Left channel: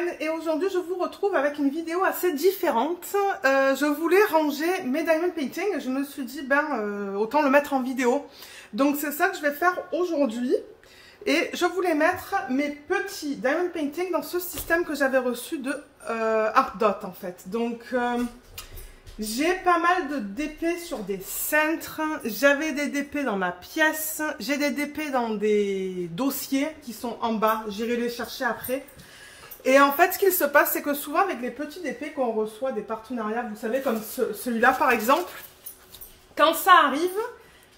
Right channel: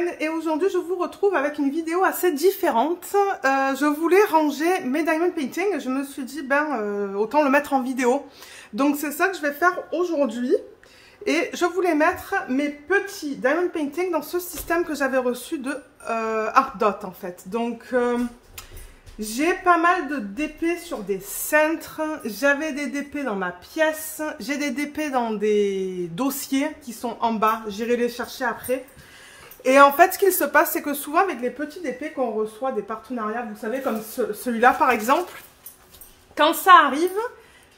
Hélène et aujourd'hui je vous retrouve avec une vidéo assez différente. Je voulais ranger mes diamond painting et je me suis dit autant le mettre en vidéo. Donc c'est ça que je vais faire aujourd'hui et je voulais mettre mes petits diamond painting dans ce système que j'avais reçu de Art Dot en fait. Donc j'ai pas mal de DP sur des cintres, j'avais des DP dans ma pièce, j'ai des DP dans des dossiers qui sont en bas, j'irai les chercher après. Et en fait, ce qu'il se passe, c'est que souvent avec les petits DP qu'on reçoit des partenariats, vous savez, comme celui-là par exemple, quand ça arrive,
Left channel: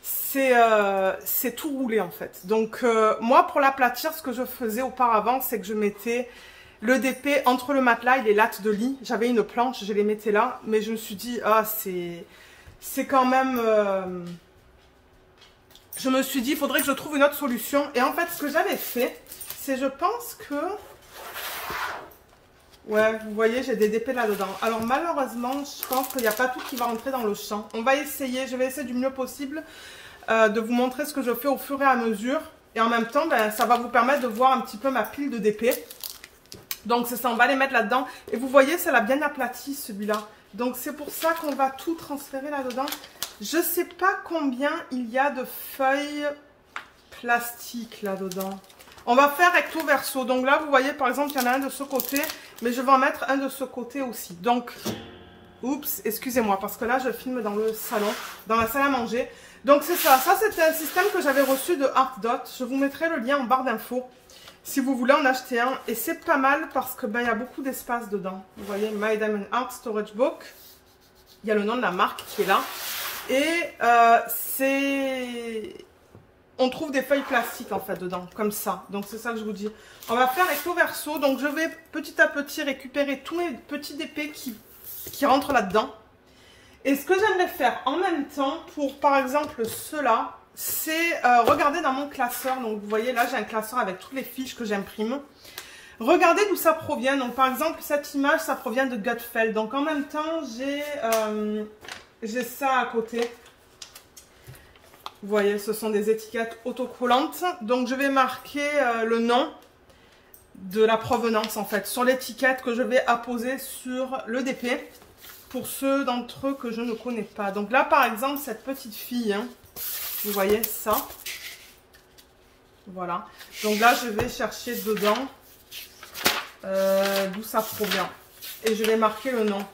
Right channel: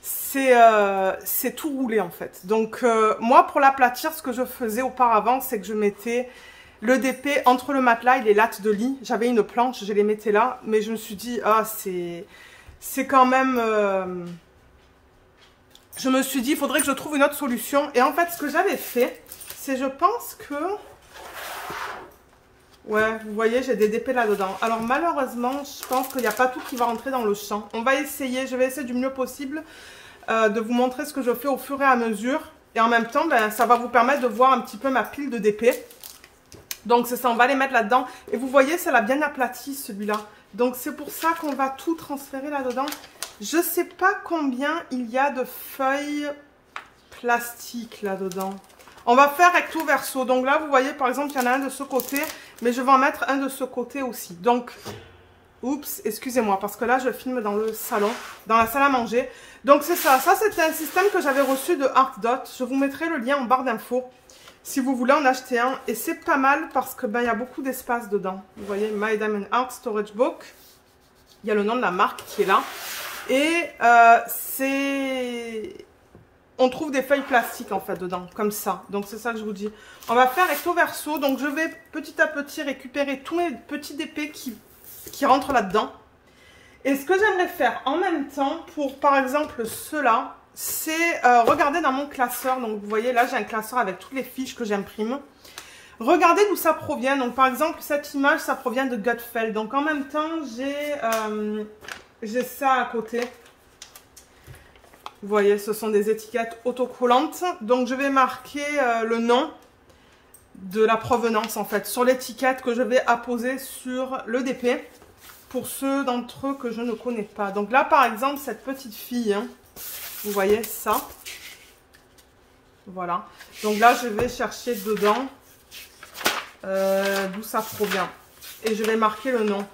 c'est tout roulé en fait. Donc moi, pour l'aplatir, ce que je faisais auparavant, c'est que je mettais le DP entre le matelas et les lattes de lit. J'avais une planche, je les mettais là, mais je me suis dit, ah, c'est quand même... Je me suis dit, il faudrait que je trouve une autre solution. Et en fait, ce que j'avais fait, c'est, je pense que... Ouais, vous voyez, j'ai des DP là-dedans. Alors malheureusement, je pense qu'il n'y a pas tout qui va rentrer dans le champ. On va essayer, je vais essayer du mieux possible de vous montrer ce que je fais au fur et à mesure. Et en même temps, ça va vous permettre de voir un petit peu ma pile de DP. Donc c'est ça, on va les mettre là-dedans. Et vous voyez, ça l'a bien aplati celui-là. Donc c'est pour ça qu'on va tout transférer là-dedans. Je ne sais pas combien il y a de feuilles plastiques là-dedans. On va faire recto verso. Donc là, vous voyez, par exemple, il y en a un de ce côté. Mais je vais en mettre un de ce côté aussi. Donc, oups, excusez-moi. Parce que là, je filme dans le salon, dans la salle à manger. Donc c'est ça. Ça, c'était un système que j'avais reçu de Art Dot. Je vous mettrai le lien en barre d'infos. Si vous voulez en acheter un, et c'est pas mal parce que il y a beaucoup d'espace dedans. Vous voyez, My Diamond Art Storage Book. Il y a le nom de la marque qui est là. Et on trouve des feuilles plastiques en fait dedans, comme ça. Donc c'est ça que je vous dis. On va faire recto verso. Donc je vais petit à petit récupérer tous mes petits DP qui rentrent là-dedans. Et ce que j'aimerais faire en même temps pour par exemple ceux-là, c'est regarder dans mon classeur. Donc vous voyez là j'ai un classeur avec toutes les fiches que j'imprime. Regardez d'où ça provient. Donc par exemple cette image ça provient de Gutfeld. Donc en même temps j'ai ça à côté. Vous voyez ce sont des étiquettes autocollantes. Donc je vais marquer le nom de la provenance en fait sur l'étiquette que je vais apposer sur le DP pour ceux d'entre eux que je ne connais pas. Donc là par exemple cette petite fille, hein, vous voyez ça, voilà. Donc là, je vais chercher dedans d'où ça provient. Et je vais marquer le nom.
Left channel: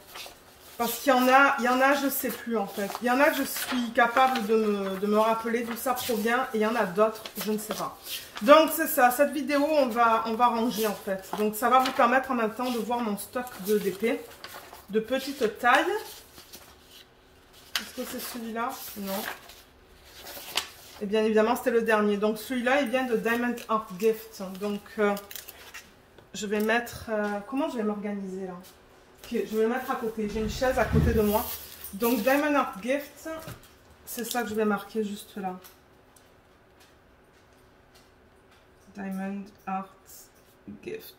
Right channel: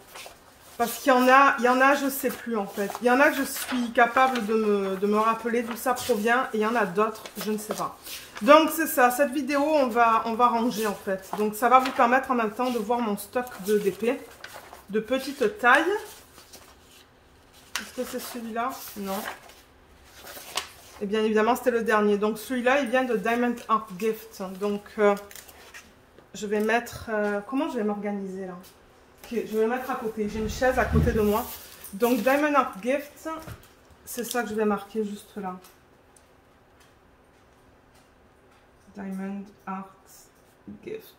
Parce qu'il y en a, je ne sais plus en fait. Il y en a que je suis capable de me rappeler d'où ça provient. Et il y en a d'autres, je ne sais pas. Donc c'est ça, cette vidéo, on va ranger en fait. Donc ça va vous permettre en même temps de voir mon stock de DP. De petite taille. Est-ce que c'est celui-là? Non. Et bien évidemment, c'était le dernier. Donc celui-là, il vient de Diamond Art Gift. Donc je vais mettre... comment je vais m'organiser là? Okay, je vais le mettre à côté. J'ai une chaise à côté de moi. Donc Diamond Art Gift, c'est ça que je vais marquer juste là. Diamond Art Gift.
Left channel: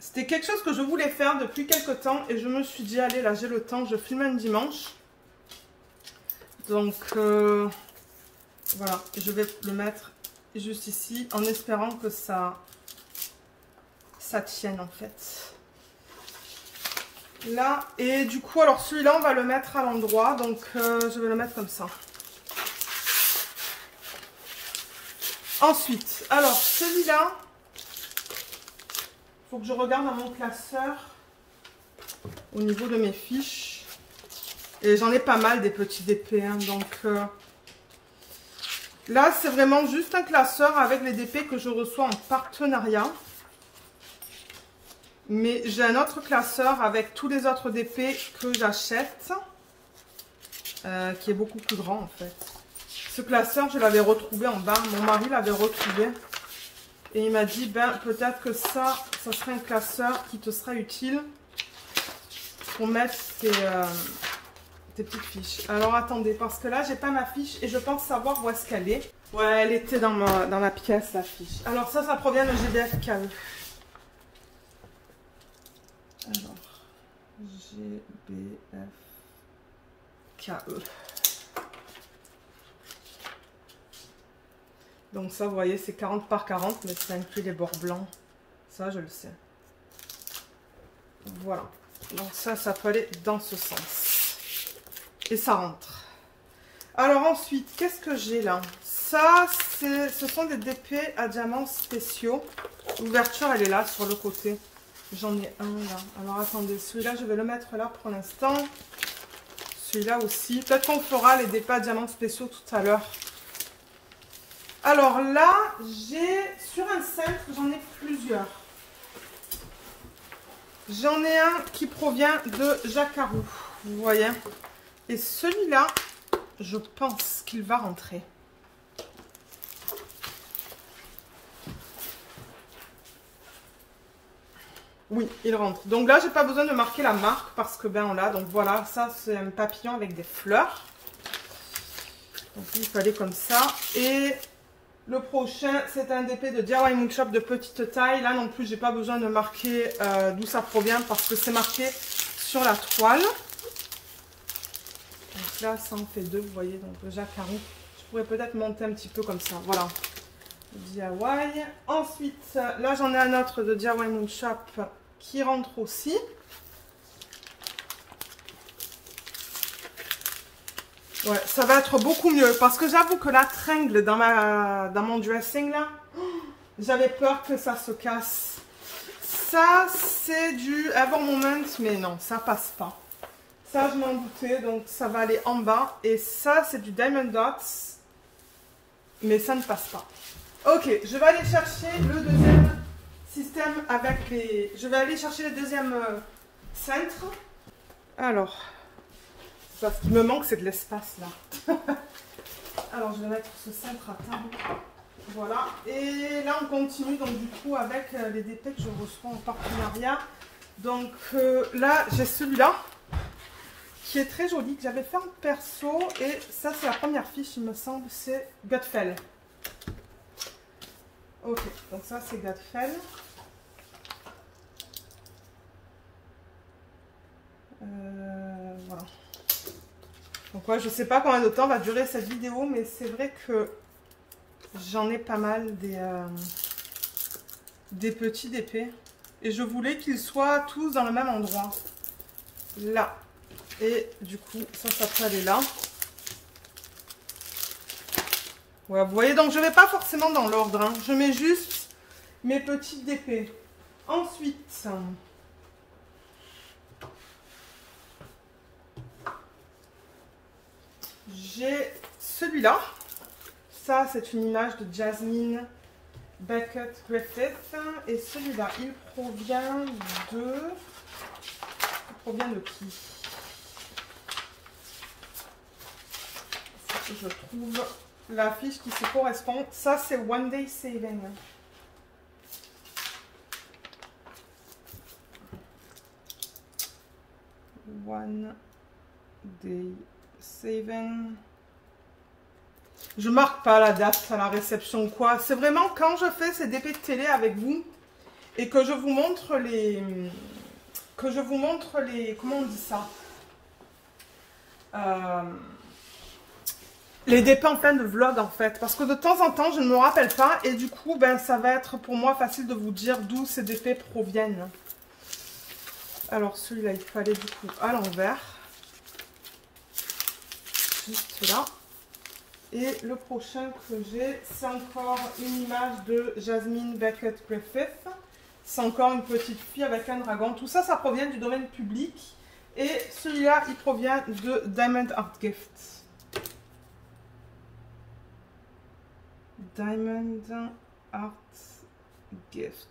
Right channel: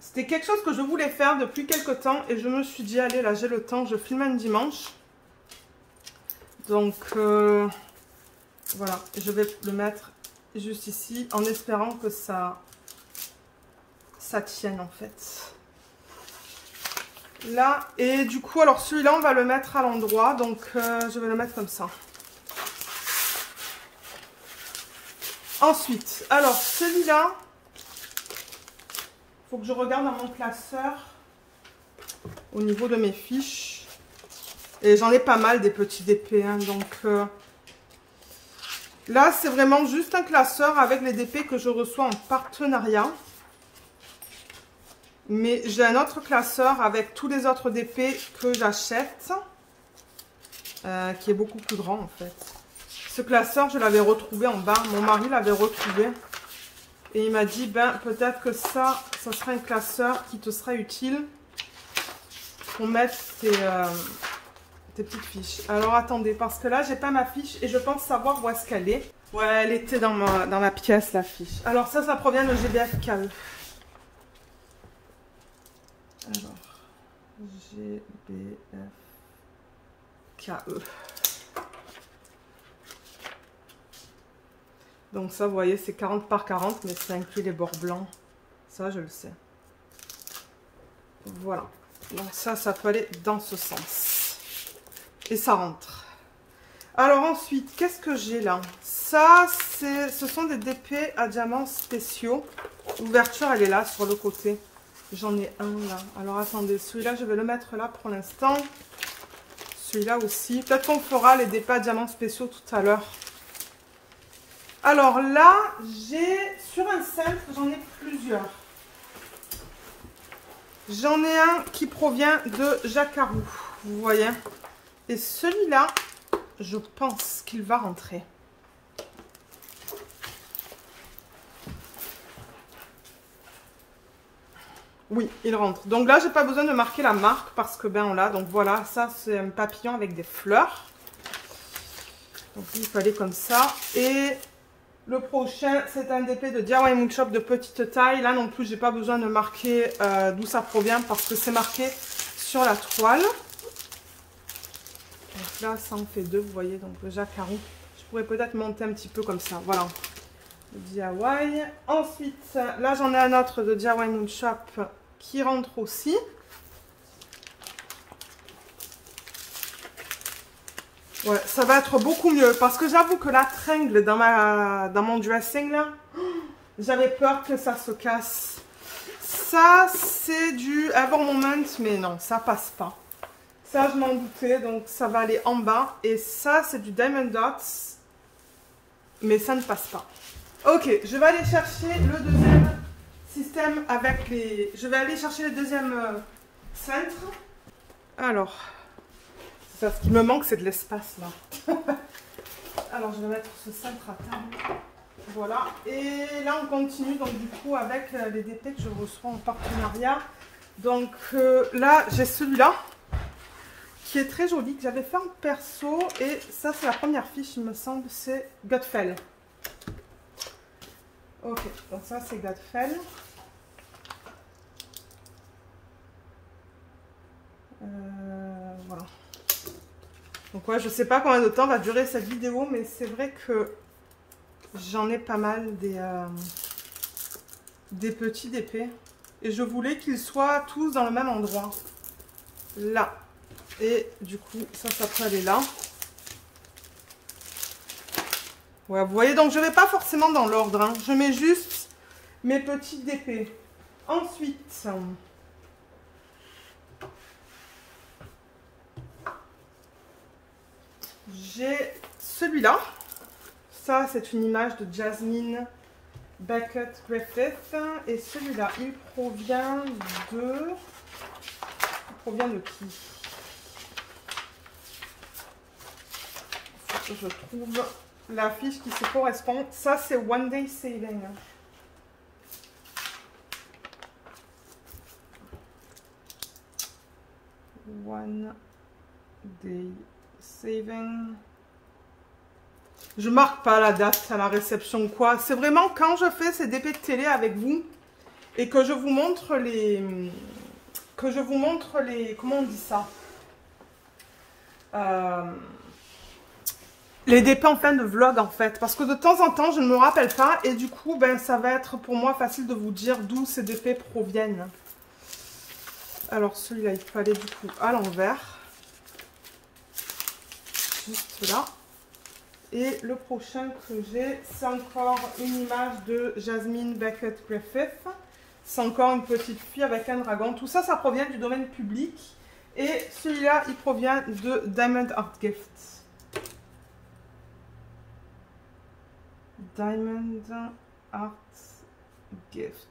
C'était quelque chose que je voulais faire depuis quelques temps. Et je me suis dit, allez là, j'ai le temps. Je filme un dimanche. Donc... voilà, je vais le mettre juste ici en espérant que ça tienne en fait. Là, et du coup, alors celui-là, on va le mettre à l'endroit. Donc, je vais le mettre comme ça. Ensuite, alors celui-là, il faut que je regarde dans mon classeur au niveau de mes fiches. Et j'en ai pas mal des petits DP, hein, donc... là, c'est vraiment juste un classeur avec les DP que je reçois en partenariat. Mais j'ai un autre classeur avec tous les autres DP que j'achète. Qui est beaucoup plus grand en fait. Ce classeur, je l'avais retrouvé en bas. Mon mari l'avait retrouvé. Et il m'a dit, peut-être que ça sera un classeur qui te sera utile pour mettre tes petites fiches. Alors attendez, parce que là j'ai pas ma fiche et je pense savoir où est-ce qu'elle est. Ouais, elle était dans ma pièce la fiche. Alors ça provient de GBF KE. Alors, GBF KE. Donc ça, vous voyez, c'est 40 par 40, mais ça inclut les bords blancs. Ça, je le sais. Voilà. Donc ça peut aller dans ce sens. Et ça rentre. Alors ensuite, qu'est-ce que j'ai là? Ça, ce sont des DP à diamants spéciaux. L'ouverture, elle est là, sur le côté. J'en ai un là. Alors attendez, celui-là, je vais le mettre là pour l'instant. Celui-là aussi. Peut-être qu'on fera les DP à diamants spéciaux tout à l'heure. Alors là, j'ai sur un cintre, j'en ai plusieurs. J'en ai un qui provient de Jacquarou, vous voyez. Et celui-là, je pense qu'il va rentrer. Oui, il rentre. Donc là, j'ai pas besoin de marquer la marque parce que ben on l'a. Donc voilà, ça c'est un papillon avec des fleurs. Donc il fallait comme ça. Et le prochain, c'est un DP de DIY Moon Shop de petite taille. Là non plus, j'ai pas besoin de marquer d'où ça provient parce que c'est marqué sur la toile. Donc là, ça en fait deux, vous voyez, donc le Jacquarou. Je pourrais peut-être monter un petit peu comme ça. Voilà. Le DIY. Ensuite, là j'en ai un autre de DIY Moon Shop qui rentre aussi. Ouais, ça va être beaucoup mieux parce que j'avoue que la tringle dans mon dressing là, j'avais peur que ça se casse. Ça c'est du Ever Moment, mais non, ça passe pas. Ça je m'en doutais, donc ça va aller en bas. Et ça c'est du Diamond Dots, mais ça ne passe pas. Ok, je vais aller chercher le deuxième système avec les... Je vais aller chercher le deuxième cintre. Alors... Ça, ce qui me manque, c'est de l'espace là. Alors, je vais mettre ce cintre à table. Voilà. Et là, on continue donc du coup avec les DP que je reçois en partenariat. Donc là, j'ai celui-là qui est très joli, que j'avais fait en perso. Et ça, c'est la première fiche, il me semble. C'est Godfell. Ok, donc ça, c'est Godfell. Voilà. Donc ouais, je sais pas combien de temps va durer cette vidéo, mais c'est vrai que j'en ai pas mal des petits DP. Et je voulais qu'ils soient tous dans le même endroit. Là. Et du coup, ça peut aller là. Ouais, vous voyez, donc je ne vais pas forcément dans l'ordre. Hein. Je mets juste mes petits DP. Ensuite... j'ai celui-là. Ça, c'est une image de Jasmine Beckett Griffith. Et celui-là, il provient de... Il provient de qui? Il faut que je trouve la fiche qui se correspond. Ça, c'est One Day Saving. One Day Saving. Je marque pas la date à la réception ou quoi. C'est vraiment quand je fais ces DP de télé avec vous et que je vous montre les... Comment on dit ça, les DP en fin de vlog en fait. Parce que de temps en temps, je ne me rappelle pas. Et du coup, ben, ça va être pour moi facile de vous dire d'où ces DP proviennent. Alors celui-là, il faut aller du coup à l'envers. Juste là. Et le prochain que j'ai, c'est encore une image de Jasmine Beckett Griffith. C'est encore une petite fille avec un dragon. Tout ça, ça provient du domaine public. Et celui-là, il provient de Diamond Art Gift. Diamond Art Gift.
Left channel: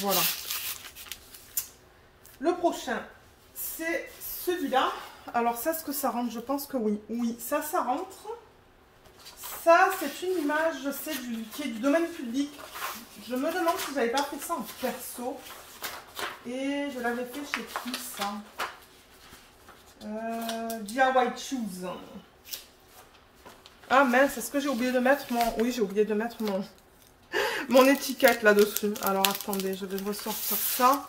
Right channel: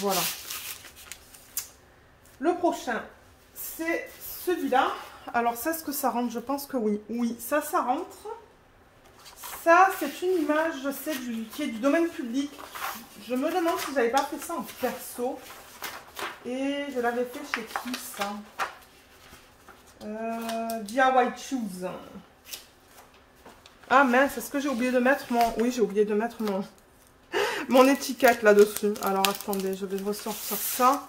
Voilà. Le prochain, c'est celui-là. Alors ça, est-ce que ça rentre? Je pense que oui. Oui, ça rentre. Ça, c'est une image, je sais, qui est du domaine public. Je me demande si j'avais pas fait ça en perso. Et je l'avais fait chez qui, ça? DIY Choose. Ah mince, est-ce que j'ai oublié de mettre mon... Oui, j'ai oublié de mettre mon étiquette là-dessus. Alors attendez, je vais ressortir ça.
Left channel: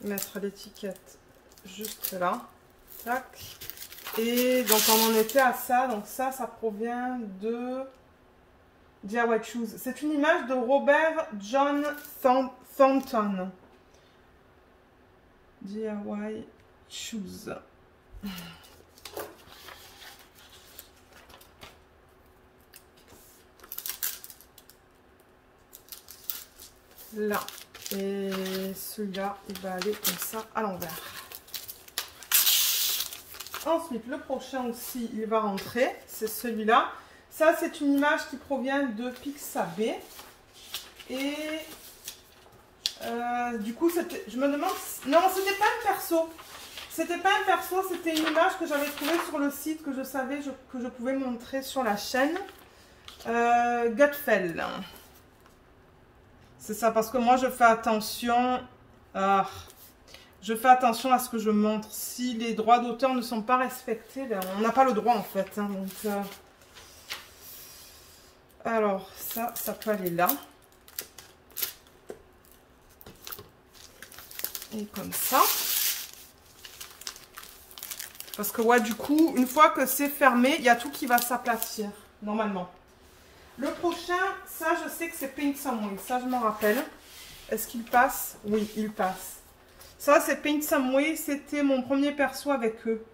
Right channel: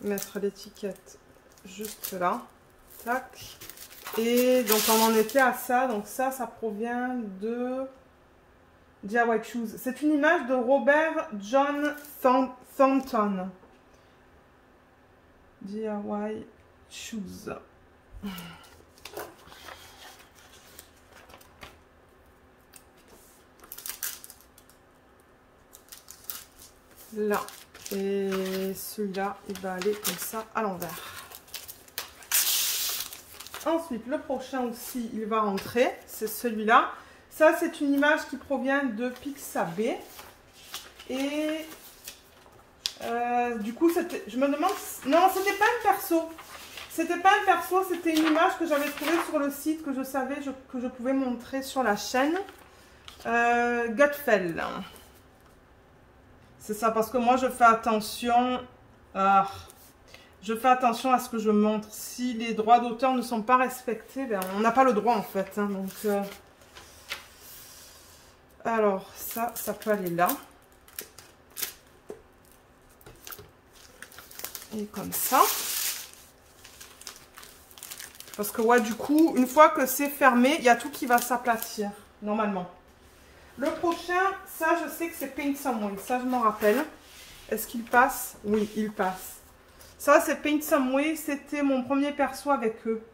Mettre l'étiquette juste là. Tac. Et donc on en était à ça. Donc ça provient de DIY Shoes. C'est une image de Robert John Thornton. DIY Shoes. Là. Et celui-là, il va aller comme ça à l'envers. Ensuite, le prochain aussi, il va rentrer. C'est celui-là. Ça, c'est une image qui provient de Pixabay. Et du coup, je me demande... Non, c'était pas un perso. C'était pas un perso, c'était une image que j'avais trouvée sur le site, que je savais que je pouvais montrer sur la chaîne. Gutfeld. C'est ça, parce que moi, je fais attention... je fais attention à ce que je montre. Si les droits d'auteur ne sont pas respectés, ben, on n'a pas le droit, en fait. Hein, donc, alors, ça peut aller là. Et comme ça. Parce que, ouais, du coup, une fois que c'est fermé, il y a tout qui va s'aplatir, normalement. Le prochain, ça, je sais que c'est Paint Some Way. Ça, je m'en rappelle. Est-ce qu'il passe? Oui, il passe. Ça, c'est Paint Some Way. C'était mon premier perso avec eux.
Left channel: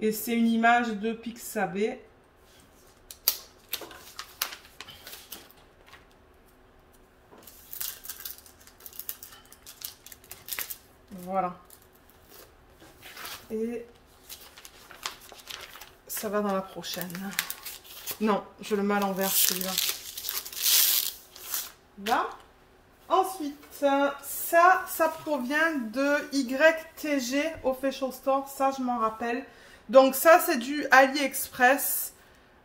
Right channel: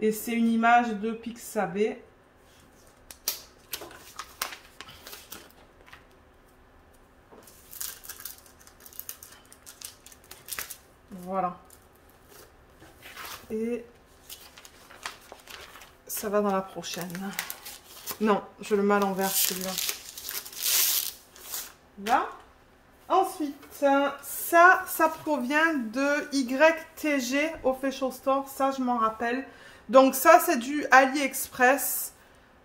Et c'est une image de Pixabay. Voilà. Et ça va dans la prochaine. Non, je le mets à l'envers celui-là. Là. Ensuite, ça provient de YTG Official Store. Ça, je m'en rappelle. Donc ça, c'est du AliExpress.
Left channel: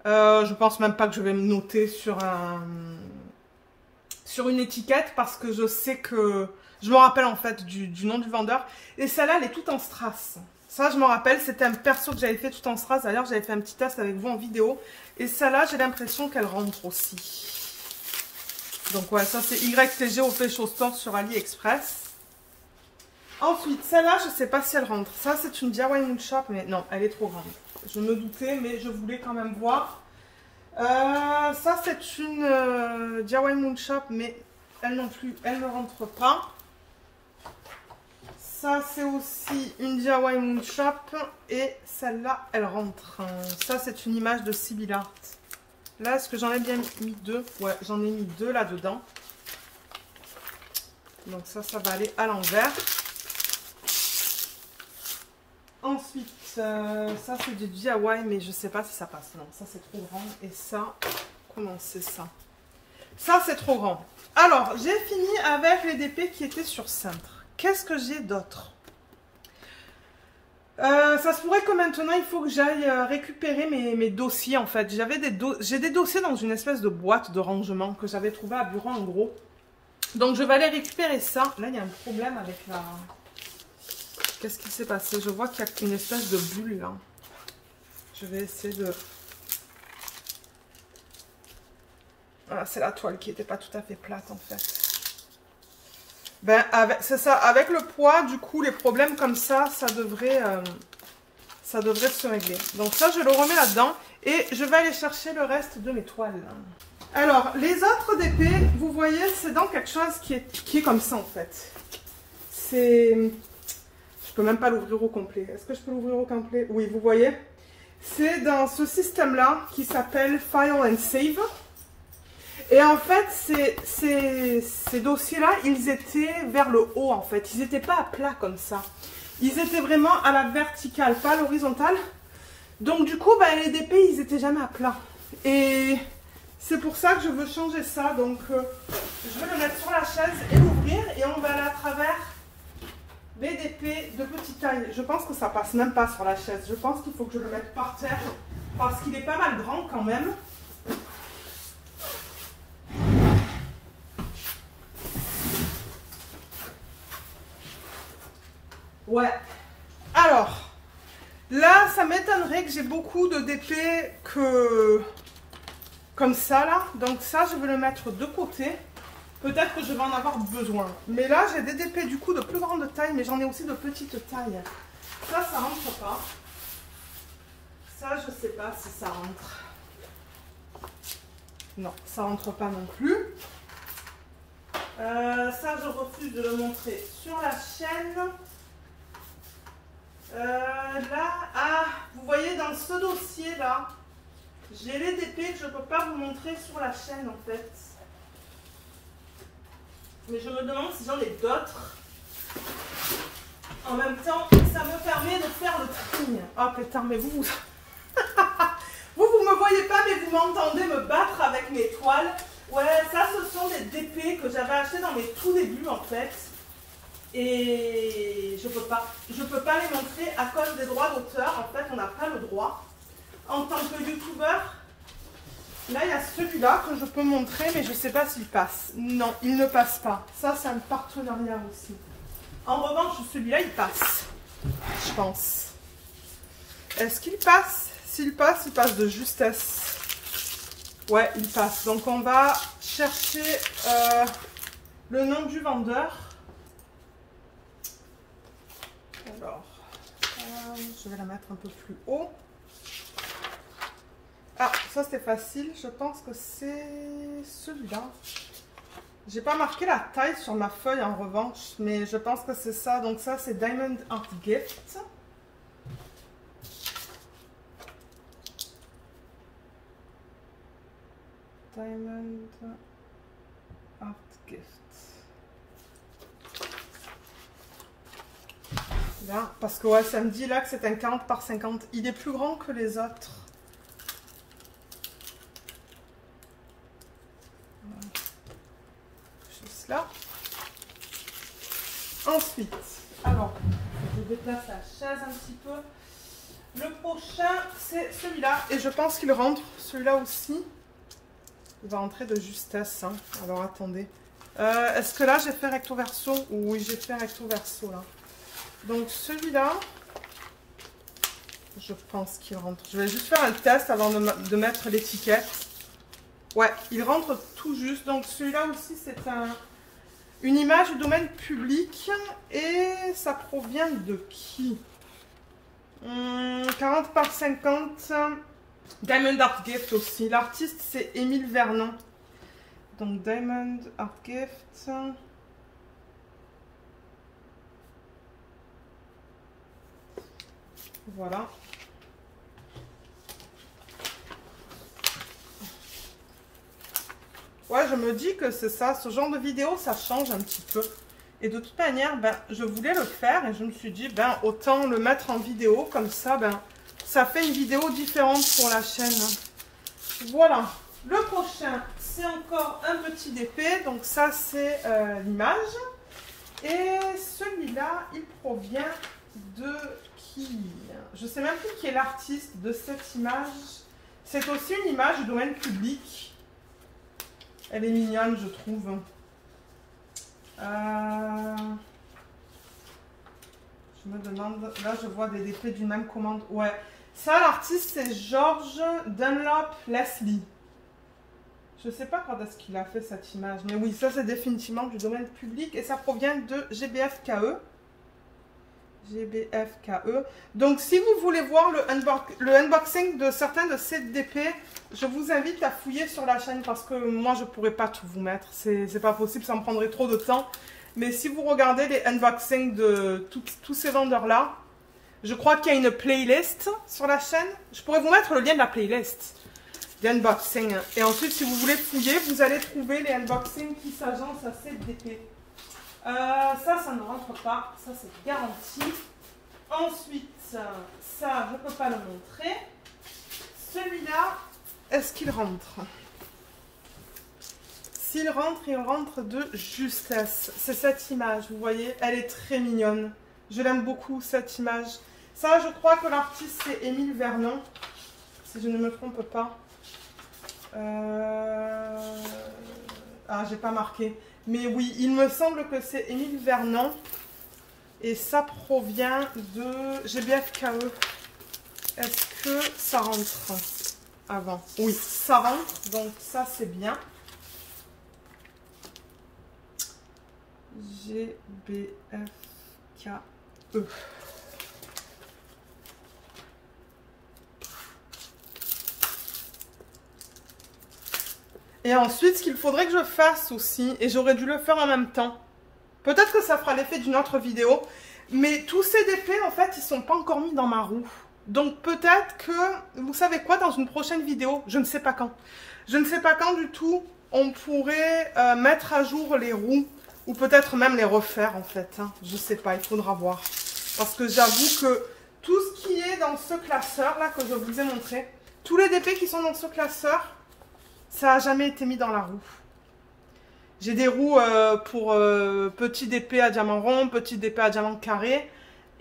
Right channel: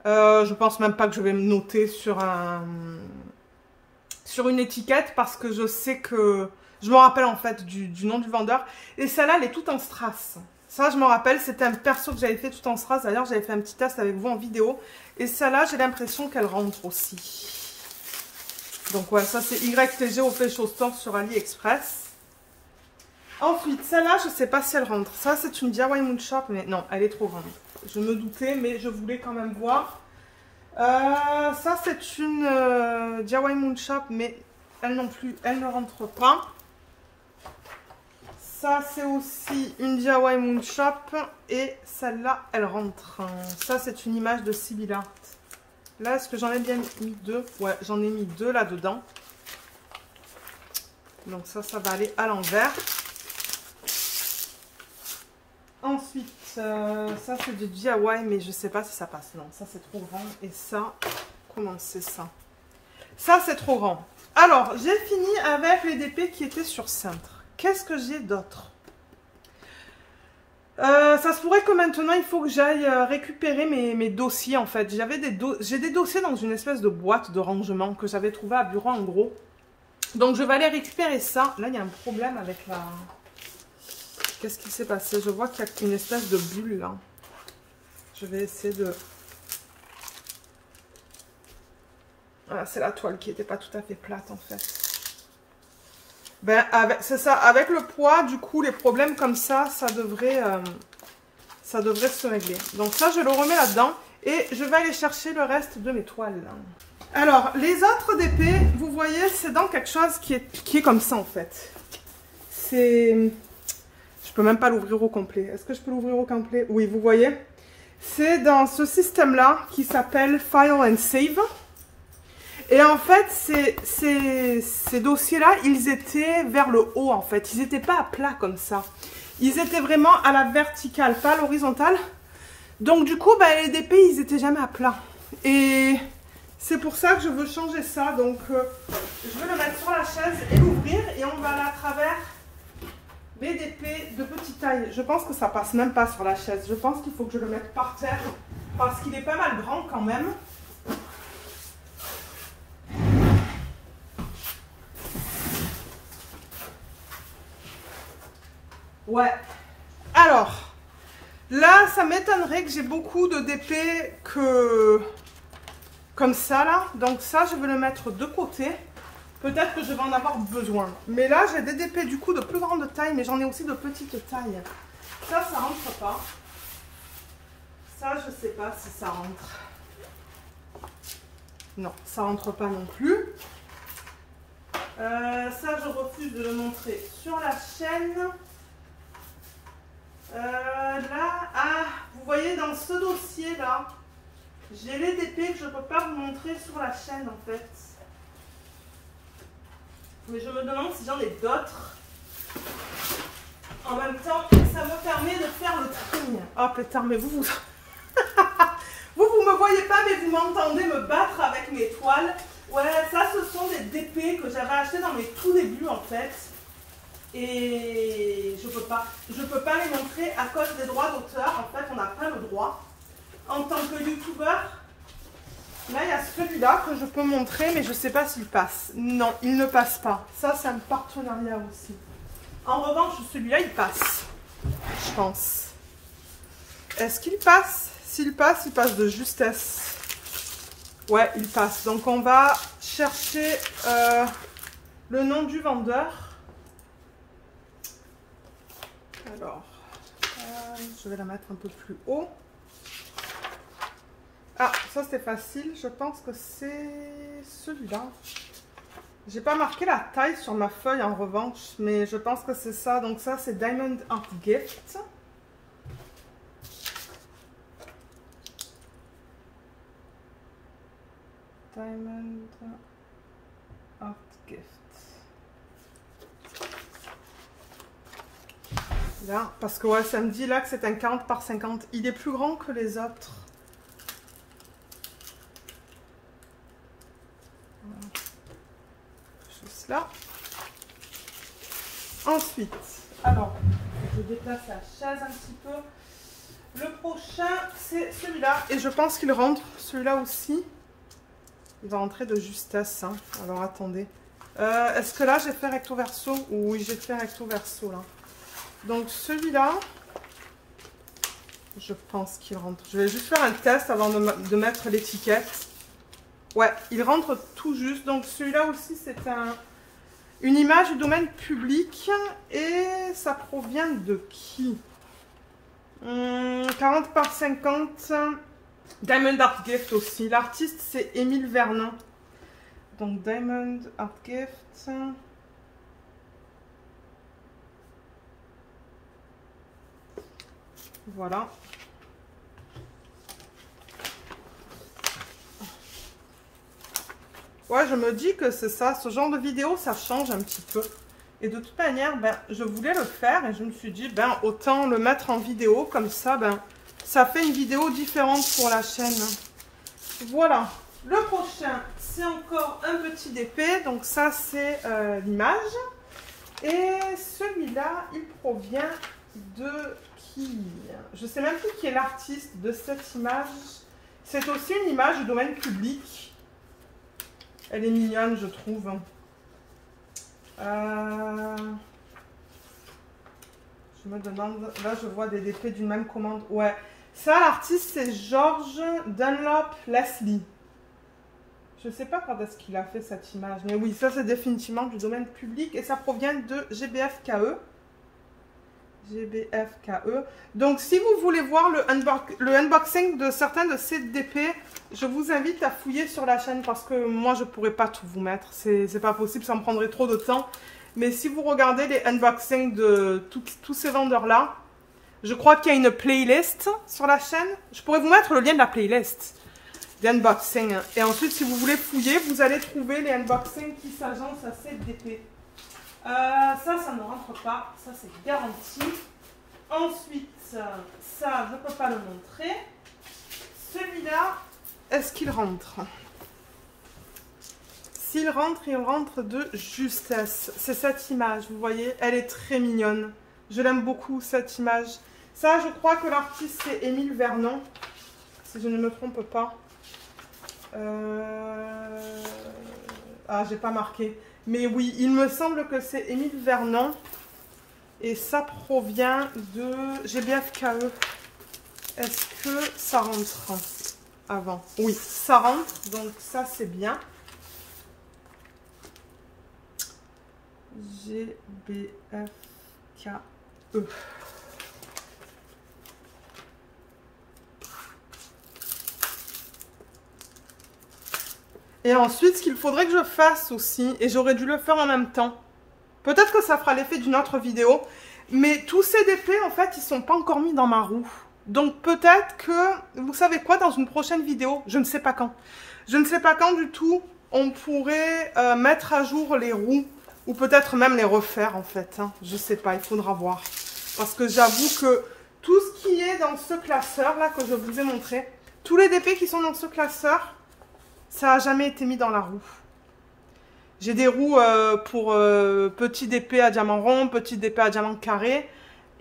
Je pense même pas que je vais me noter sur une étiquette parce que je sais que... Je me rappelle en fait du nom du vendeur. Et celle-là, elle est toute en strass. Ça, je me rappelle, c'était un perso que j'avais fait tout en strass. D'ailleurs, j'avais fait un petit test avec vous en vidéo. Et celle-là, j'ai l'impression qu'elle rentre aussi. Donc ouais, ça c'est YTG Official Store sur AliExpress. Ensuite, celle-là, je ne sais pas si elle rentre. Ça, c'est une DIY Moon Shop, mais non, elle est trop grande. Je me doutais, mais je voulais quand même voir. Ça, c'est une DIY Moon Shop, mais elle non plus, elle ne rentre pas. Ça, c'est aussi une DIY Moon Shop. Et celle-là, elle rentre. Ça, c'est une image de Sibyl Art. Là, est-ce que j'en ai bien mis deux? Ouais, j'en ai mis deux là-dedans. Donc ça va aller à l'envers. Ensuite, ça, c'est du DIY, mais je ne sais pas si ça passe. Non, ça, c'est trop grand. Et ça, comment c'est ça? Ça, c'est trop grand. Alors, j'ai fini avec les DP qui étaient sur cintre. Qu'est-ce que j'ai d'autre? Ça se pourrait que maintenant, il faut que j'aille récupérer mes dossiers, en fait. J'ai des dossiers dans une espèce de boîte de rangement que j'avais trouvé à Bureau, en gros. Donc, je vais aller récupérer ça. Là, il y a un problème avec la... Qu'est-ce qui s'est passé? Je vois qu'il y a une espèce de bulle, là. Je vais essayer de... Ah, c'est la toile qui n'était pas tout à fait plate, en fait. Ben, c'est ça, avec le poids, du coup, les problèmes comme ça devrait se régler. Donc ça, je le remets là-dedans et je vais aller chercher le reste de mes toiles. Alors, les autres DP, vous voyez, c'est dans quelque chose qui est comme ça, en fait. C'est... Je peux même pas l'ouvrir au complet. Est-ce que je peux l'ouvrir au complet? Oui, vous voyez. C'est dans ce système-là qui s'appelle File and Save. Et en fait, ces dossiers-là, ils étaient vers le haut, en fait. Ils n'étaient pas à plat comme ça. Ils étaient vraiment à la verticale, pas à l'horizontale. Donc, du coup, ben, les DP, ils n'étaient jamais à plat. Et c'est pour ça que je veux changer ça. Donc, je vais le mettre sur la chaise et l'ouvrir. Et on va aller à travers les DP de petite taille. Je pense que ça passe même pas sur la chaise. Je pense qu'il faut que je le mette par terre. Parce qu'il est pas mal grand quand même. Ouais. Alors, là, ça m'étonnerait que j'ai beaucoup de DP comme ça, là. Donc ça, je vais le mettre de côté. Peut-être que je vais en avoir besoin. Mais là, j'ai des DP, du coup, de plus grande taille, mais j'en ai aussi de petite taille. Ça rentre pas. Ça, je sais pas si ça rentre. Non, ça rentre pas non plus. Ça, je refuse de le montrer sur la chaîne. Là, ah, vous voyez dans ce dossier là, j'ai les DP que je ne peux pas vous montrer sur la chaîne en fait. Mais je me demande si j'en ai d'autres. En même temps, ça me permet de faire le tri. Oh putain, mais vous... vous me voyez pas, mais vous m'entendez me battre avec mes toiles. Ouais, ça, ce sont des DP que j'avais acheté dans mes tout débuts en fait. Et je peux pas les montrer à cause des droits d'auteur. En fait, on n'a pas le droit. En tant que youtubeur, là, il y a celui-là que je peux montrer, mais je ne sais pas s'il passe. Non, il ne passe pas. Ça, c'est un partenariat aussi. En revanche, celui-là, il passe. Je pense. Est-ce qu'il passe? S'il passe, il passe de justesse. Ouais, il passe. Donc, on va chercher le nom du vendeur. Alors, je vais la mettre un peu plus haut. Ah, ça c'était facile. Je pense que c'est celui-là. J'ai pas marqué la taille sur ma feuille en revanche, mais je pense que c'est ça. Donc ça c'est Diamond Art Gift. Diamond Art Gift. Là, parce que ouais, ça me dit là que c'est un 40 par 50. Il est plus grand que les autres. Voilà. Juste là. Ensuite, alors, je déplace la chaise un petit peu. Le prochain, c'est celui-là. Et je pense qu'il rentre, celui-là aussi. Il va rentrer de justesse. Hein. Alors, attendez. Est-ce que là, j'ai fait recto verso? Oui, j'ai fait recto verso là. Donc celui-là, je pense qu'il rentre. Je vais juste faire un test avant de mettre l'étiquette. Ouais, il rentre tout juste. Donc celui-là aussi, c'est une image du domaine public. Et ça provient de qui? 40 par 50. Diamond Art Gift aussi. L'artiste, c'est Émile Vernon. Donc Diamond Art Gift. Voilà. Ouais, je me dis que c'est ça. Ce genre de vidéo, ça change un petit peu. Et de toute manière, ben, je voulais le faire et je me suis dit, ben, autant le mettre en vidéo. Comme ça, ben, ça fait une vidéo différente pour la chaîne. Voilà. Le prochain, c'est encore un petit DP. Donc ça, c'est l'image. Et celui-là, il provient de... Je ne sais même plus qui est l'artiste de cette image. C'est aussi une image du domaine public. Elle est mignonne, je trouve. Je me demande... Là, je vois des DP d'une même commande. Ouais. Ça, l'artiste, c'est George Dunlop Leslie. Je ne sais pas quand est-ce qu'il a fait cette image. Mais oui, ça, c'est définitivement du domaine public. Et ça provient de GBFKE. GBFKE. Donc, si vous voulez voir le unboxing de certains de ces DP, je vous invite à fouiller sur la chaîne parce que moi, je ne pourrais pas tout vous mettre. C'est pas possible, ça me prendrait trop de temps. Mais si vous regardez les unboxings de tous ces vendeurs-là, je crois qu'il y a une playlist sur la chaîne. Je pourrais vous mettre le lien de la playlist d'unboxing. Et ensuite, si vous voulez fouiller, vous allez trouver les unboxings qui s'agencent à ces DP. Ça ne rentre pas. Ça, c'est garanti. Ensuite, ça, je ne peux pas le montrer. Celui-là, est-ce qu'il rentre? S'il rentre, il rentre de justesse. C'est cette image, vous voyez, elle est très mignonne. Je l'aime beaucoup, cette image. Ça, je crois que l'artiste, c'est Émile Vernon, si je ne me trompe pas. Ah, j'ai pas marqué. Mais oui, il me semble que c'est Émile Vernon. Et ça provient de GBFKE. Est-ce que ça rentre avant? Oui, ça rentre. Donc ça, c'est bien. GBFKE. Et ensuite, ce qu'il faudrait que je fasse aussi, et j'aurais dû le faire en même temps, peut-être que ça fera l'effet d'une autre vidéo, mais tous ces DP, en fait, ils sont pas encore mis dans ma roue. Donc peut-être que, vous savez quoi, dans une prochaine vidéo, je ne sais pas quand. Je ne sais pas quand du tout, on pourrait mettre à jour les roues, ou peut-être même les refaire en fait. Hein. Je ne sais pas, il faudra voir. Parce que j'avoue que tout ce qui est dans ce classeur là, que je vous ai montré, tous les DP qui sont dans ce classeur, ça n'a jamais été mis dans la roue. J'ai des roues pour petit DP à diamant rond, petit DP à diamant carré.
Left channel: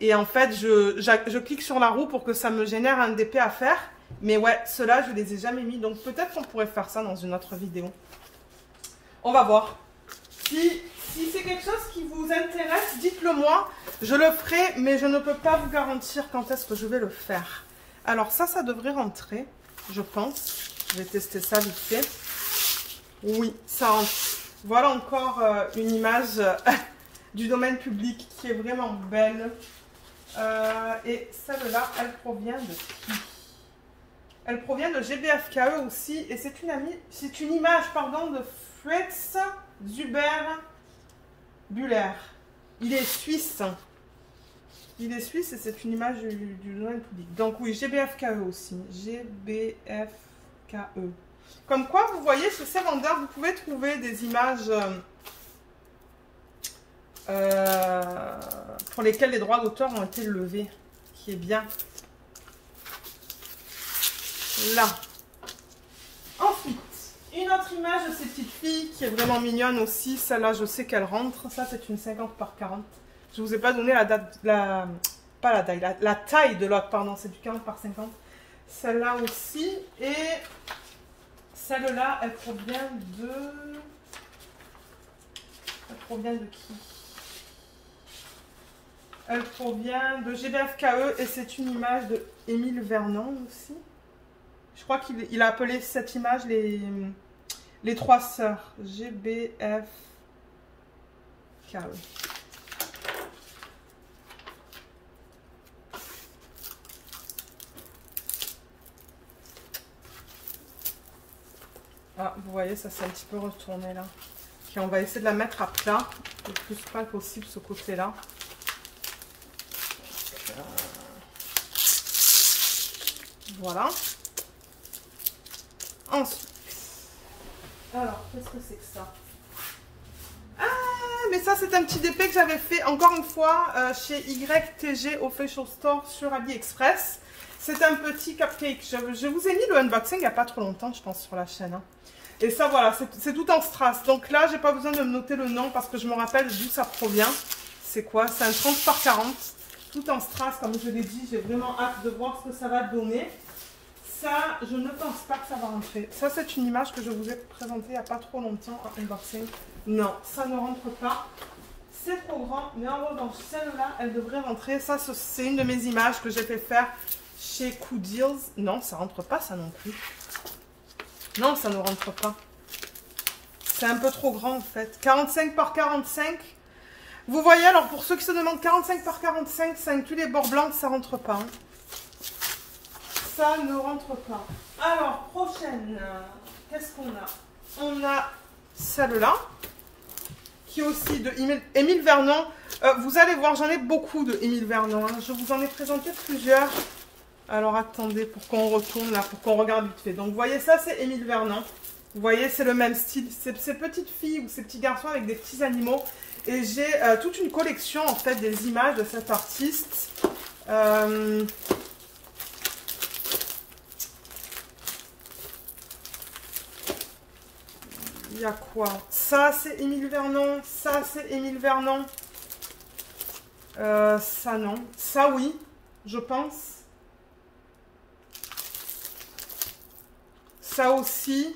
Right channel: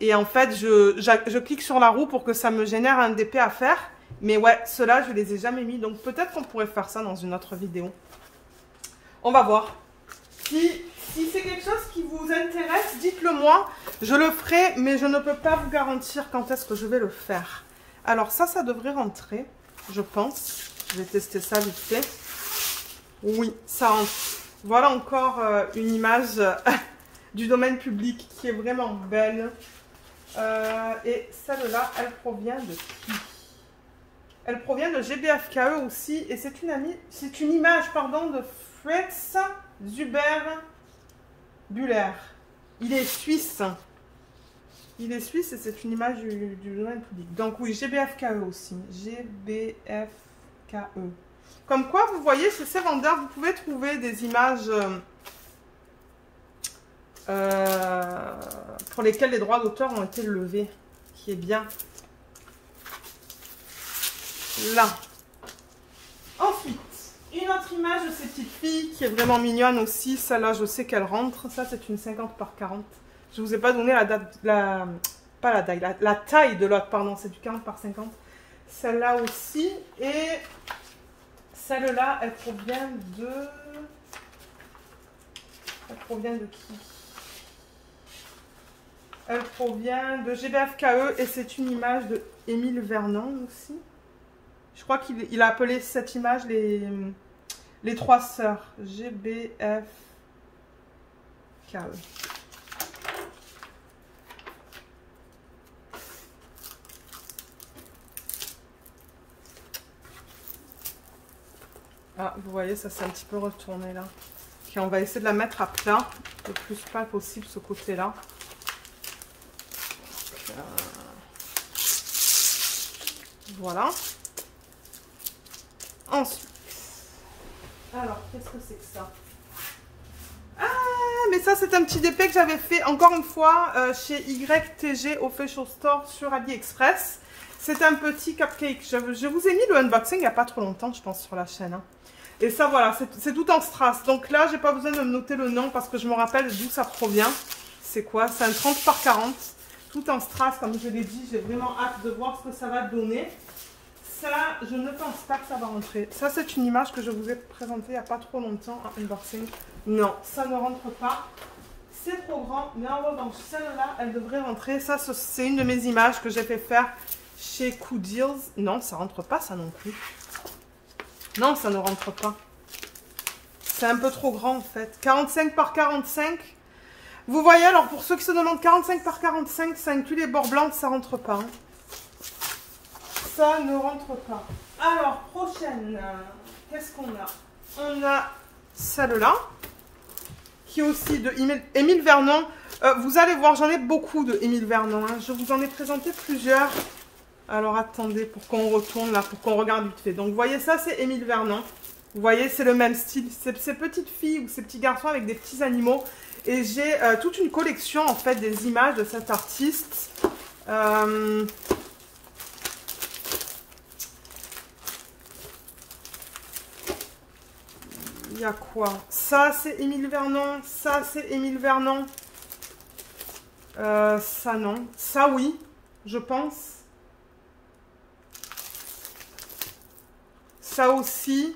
Et en fait, je clique sur la roue pour que ça me génère un DP à faire. Mais ouais, ceux-là, je les ai jamais mis. Donc peut-être qu'on pourrait faire ça dans une autre vidéo. On va voir. Si c'est quelque chose qui vous intéresse, dites-le moi. Je le ferai, mais je ne peux pas vous garantir quand est-ce que je vais le faire. Alors ça devrait rentrer, je pense. Je vais tester ça vite fait. Oui, ça rentre. Voilà encore une image du domaine public qui est vraiment belle. Et celle-là, elle provient de qui? Elle provient de GBFKE aussi. Et c'est une image pardon, de Fritz Zuber-Buller. Il est suisse. Il est suisse et c'est une image du domaine public. Donc oui, GBFKE aussi. GBFKE. Comme quoi, vous voyez, chez ces vendeurs, vous pouvez trouver des images pour lesquelles les droits d'auteur ont été levés. Qui est bien. Là. Ensuite, une autre image de ces petites filles qui est vraiment mignonne aussi. Celle-là, je sais qu'elle rentre. Ça, c'est une 50 par 40. Je ne vous ai pas donné la date, la taille de l'autre, pardon. C'est du 40 par 50. Celle-là aussi. Et celle-là, elle provient de... Elle provient de qui? Elle provient de GBFKE et c'est une image de Émile Vernon aussi. Je crois qu'il a appelé cette image les trois sœurs. GBFKE. Ah, vous voyez, ça s'est un petit peu retourné là. Puis on va essayer de la mettre à plat le plus plat possible ce côté-là. Voilà. Ensuite, alors, qu'est-ce que c'est que ça? Ah, mais ça, c'est un petit DP que j'avais fait, encore une fois, chez YTG Official Store sur AliExpress. C'est un petit cupcake. Je vous ai mis le unboxing il n'y a pas trop longtemps, je pense, sur la chaîne. Hein. Et ça, voilà, c'est tout en strass. Donc là, j'ai pas besoin de me noter le nom parce que je me rappelle d'où ça provient. C'est quoi? C'est un 30 par 40. Tout en strass, comme je l'ai dit. J'ai vraiment hâte de voir ce que ça va donner. Ça, je ne pense pas que ça va rentrer. Ça, c'est une image que je vous ai présentée il n'y a pas trop longtemps en unboxing. Non, ça ne rentre pas. C'est trop grand. Mais en revanche, celle-là, elle devrait rentrer. Ça, c'est une de mes images que j'ai fait faire chez Cool Deals. Non, ça rentre pas, ça non plus. Non, ça ne rentre pas. C'est un peu trop grand, en fait. 45 par 45. Vous voyez, alors, pour ceux qui se demandent, 45 par 45, ça inclut les bords blancs, ça rentre pas. Hein. Ça ne rentre pas. Alors, prochaine, qu'est-ce qu'on a? On a celle-là, qui est aussi de Émile Vernon. Vous allez voir, j'en ai beaucoup de Émile Vernon. Hein. Je vous en ai présenté plusieurs. Alors, attendez, pour qu'on retourne là, pour qu'on regarde vite fait. Donc, vous voyez, ça, c'est Émile Vernon. Vous voyez, c'est le même style. C'est ces petites filles ou ces petits garçons avec des petits animaux. Et j'ai toute une collection, en fait, des images de cet artiste. Il y a quoi? Ça, c'est Émile Vernon. Ça, c'est Émile Vernon. Ça, non. Ça, oui, je pense. Ça aussi.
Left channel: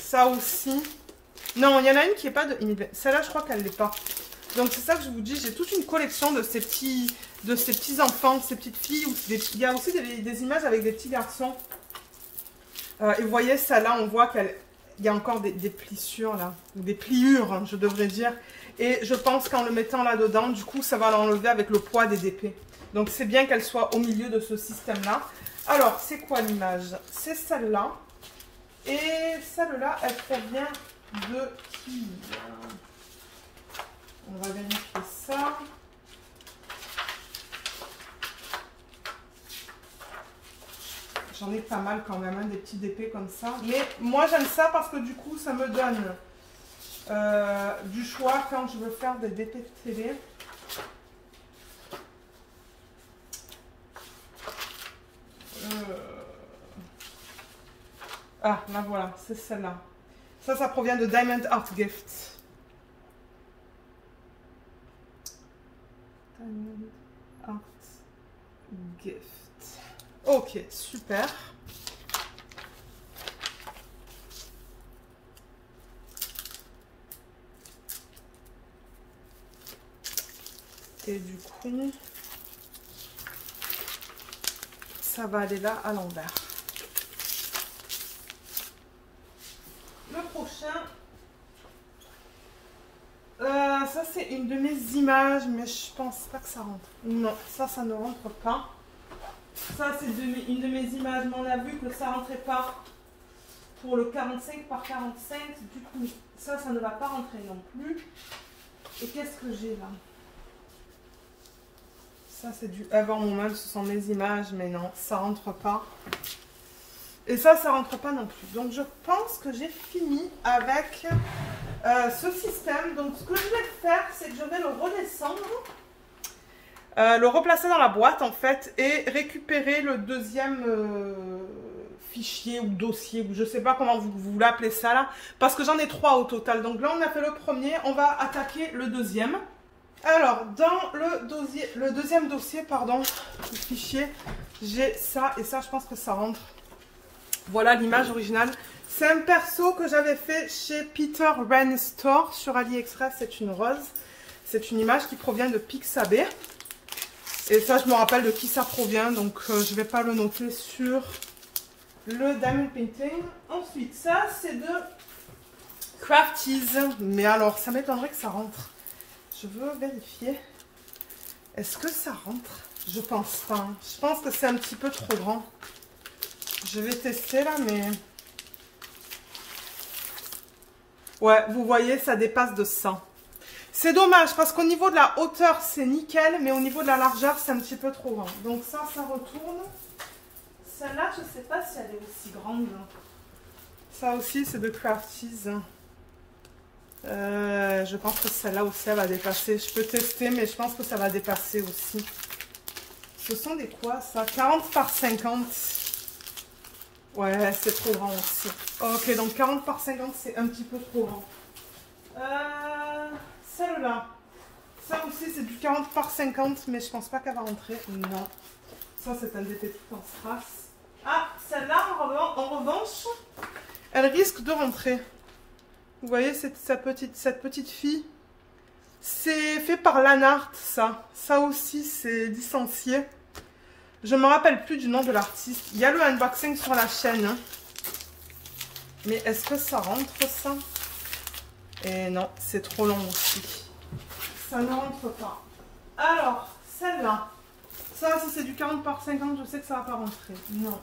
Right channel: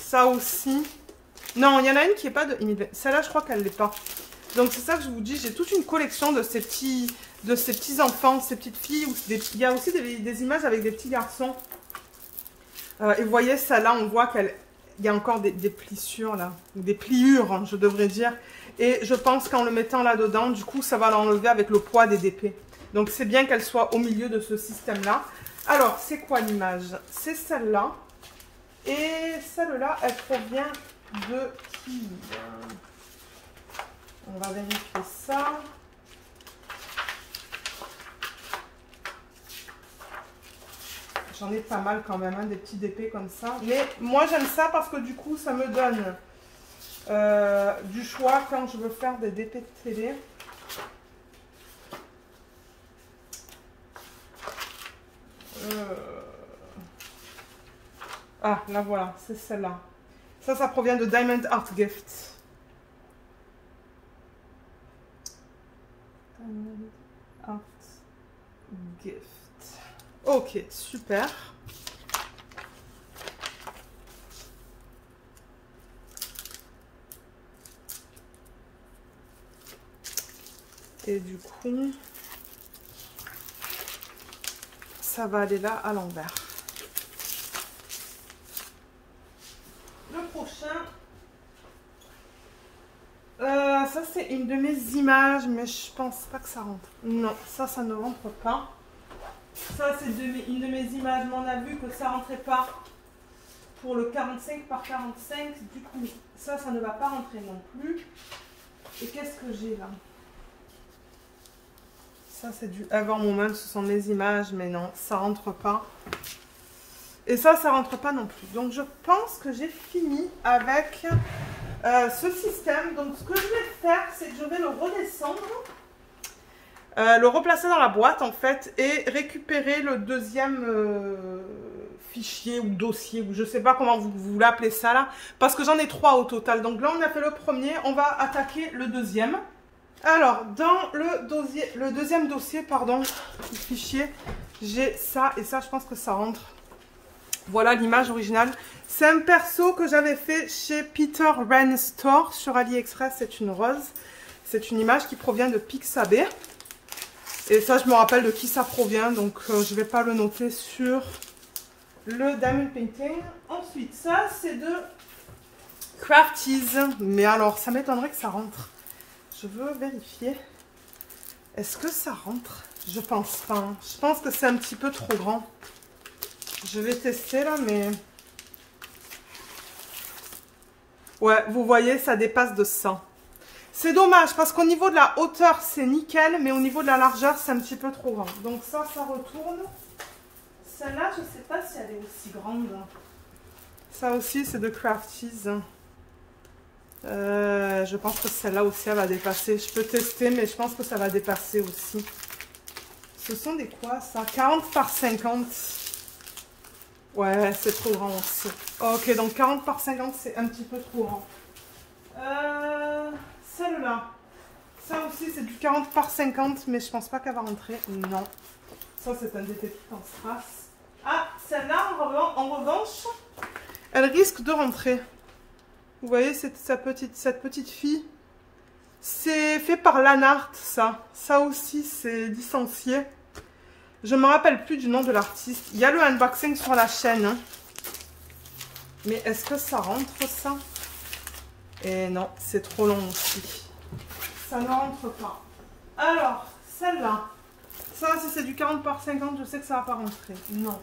Ça aussi. Non, il y en a une qui n'est pas de Émile Vernon. Celle-là, je crois qu'elle ne l'est pas. Donc, c'est ça que je vous dis. J'ai toute une collection de ces petits enfants, ces petites filles. Il y a aussi des images avec des petits garçons. Et vous voyez, celle-là, on voit qu'elle... Il y a encore des plissures là, ou des pliures, hein, je devrais dire. Et je pense qu'en le mettant là-dedans, du coup, ça va l'enlever avec le poids des DP. Donc, c'est bien qu'elle soit au milieu de ce système-là. Alors, c'est quoi l'image? C'est celle-là. Et celle-là, elle provient de qui? On va vérifier ça. J'en ai pas mal quand même, hein, des petits épées comme ça. Mais moi j'aime ça parce que du coup ça me donne du choix quand je veux faire des DP de télé. Ah, là voilà, c'est celle-là. Ça provient de Diamond Art Gift. Diamond Art Gift. Ok, super. Et du coup, ça va aller là à l'envers. Le prochain, ça c'est une de mes images, mais je pense pas que ça rentre. Non, ça ne rentre pas. Ça c'est une de mes images, mais on a vu que ça rentrait pas pour le 45 par 45. Du coup, ça ne va pas rentrer non plus. Et qu'est-ce que j'ai là? Ça c'est du Avant Moment, ce sont mes images, mais non, ça rentre pas. Et ça rentre pas non plus. Donc je pense que j'ai fini avec ce système. Donc ce que je vais faire, c'est que je vais le redescendre, le replacer dans la boîte en fait, et récupérer le deuxième fichier ou dossier, ou je sais pas comment vous l'appelez ça là, parce que j'en ai 3 au total. Donc là on a fait le premier, on va attaquer le deuxième. Alors, dans le deuxième dossier, pardon, le fichier, j'ai ça, et ça, je pense que ça rentre. Voilà l'image originale. C'est un perso que j'avais fait chez Peter Wren Store sur AliExpress, c'est une rose. C'est une image qui provient de Pixabay. Et ça, je me rappelle de qui ça provient, donc je ne vais pas le noter sur le Diamond Painting. Ensuite, ça, c'est de Crafties. Mais alors, ça m'étonnerait que ça rentre. Je veux vérifier. Est-ce que ça rentre? Je pense pas. Je pense que c'est un petit peu trop grand. Je vais tester là, mais... Ouais, vous voyez, ça dépasse de 100. C'est dommage, parce qu'au niveau de la hauteur, c'est nickel, mais au niveau de la largeur, c'est un petit peu trop grand. Donc ça retourne. Celle-là, je ne sais pas si elle est aussi grande. Ça aussi, c'est de Crafties. Je pense que celle-là aussi, elle va dépasser. Je peux tester, mais je pense que ça va dépasser aussi. Ce sont des quoi, ça? 40 par 50. Ouais, c'est trop grand aussi. Ok, donc 40 par 50, c'est un petit peu trop grand. Celle-là. Ça aussi, c'est du 40 par 50, mais je pense pas qu'elle va rentrer. Non. Ça, c'est un détective en strass. Ah, celle-là, en revanche, elle risque de rentrer. Vous voyez, cette petite fille. C'est fait par Lanart, ça. Ça aussi, c'est licencié. Je ne me rappelle plus du nom de l'artiste. Il y a le unboxing sur la chaîne. Hein. Mais est-ce que ça rentre, ça? Et non, c'est trop long aussi. Ça ne rentre pas. Alors, celle-là. Ça, si c'est du 40 par 50, je sais que ça ne va pas rentrer. Non.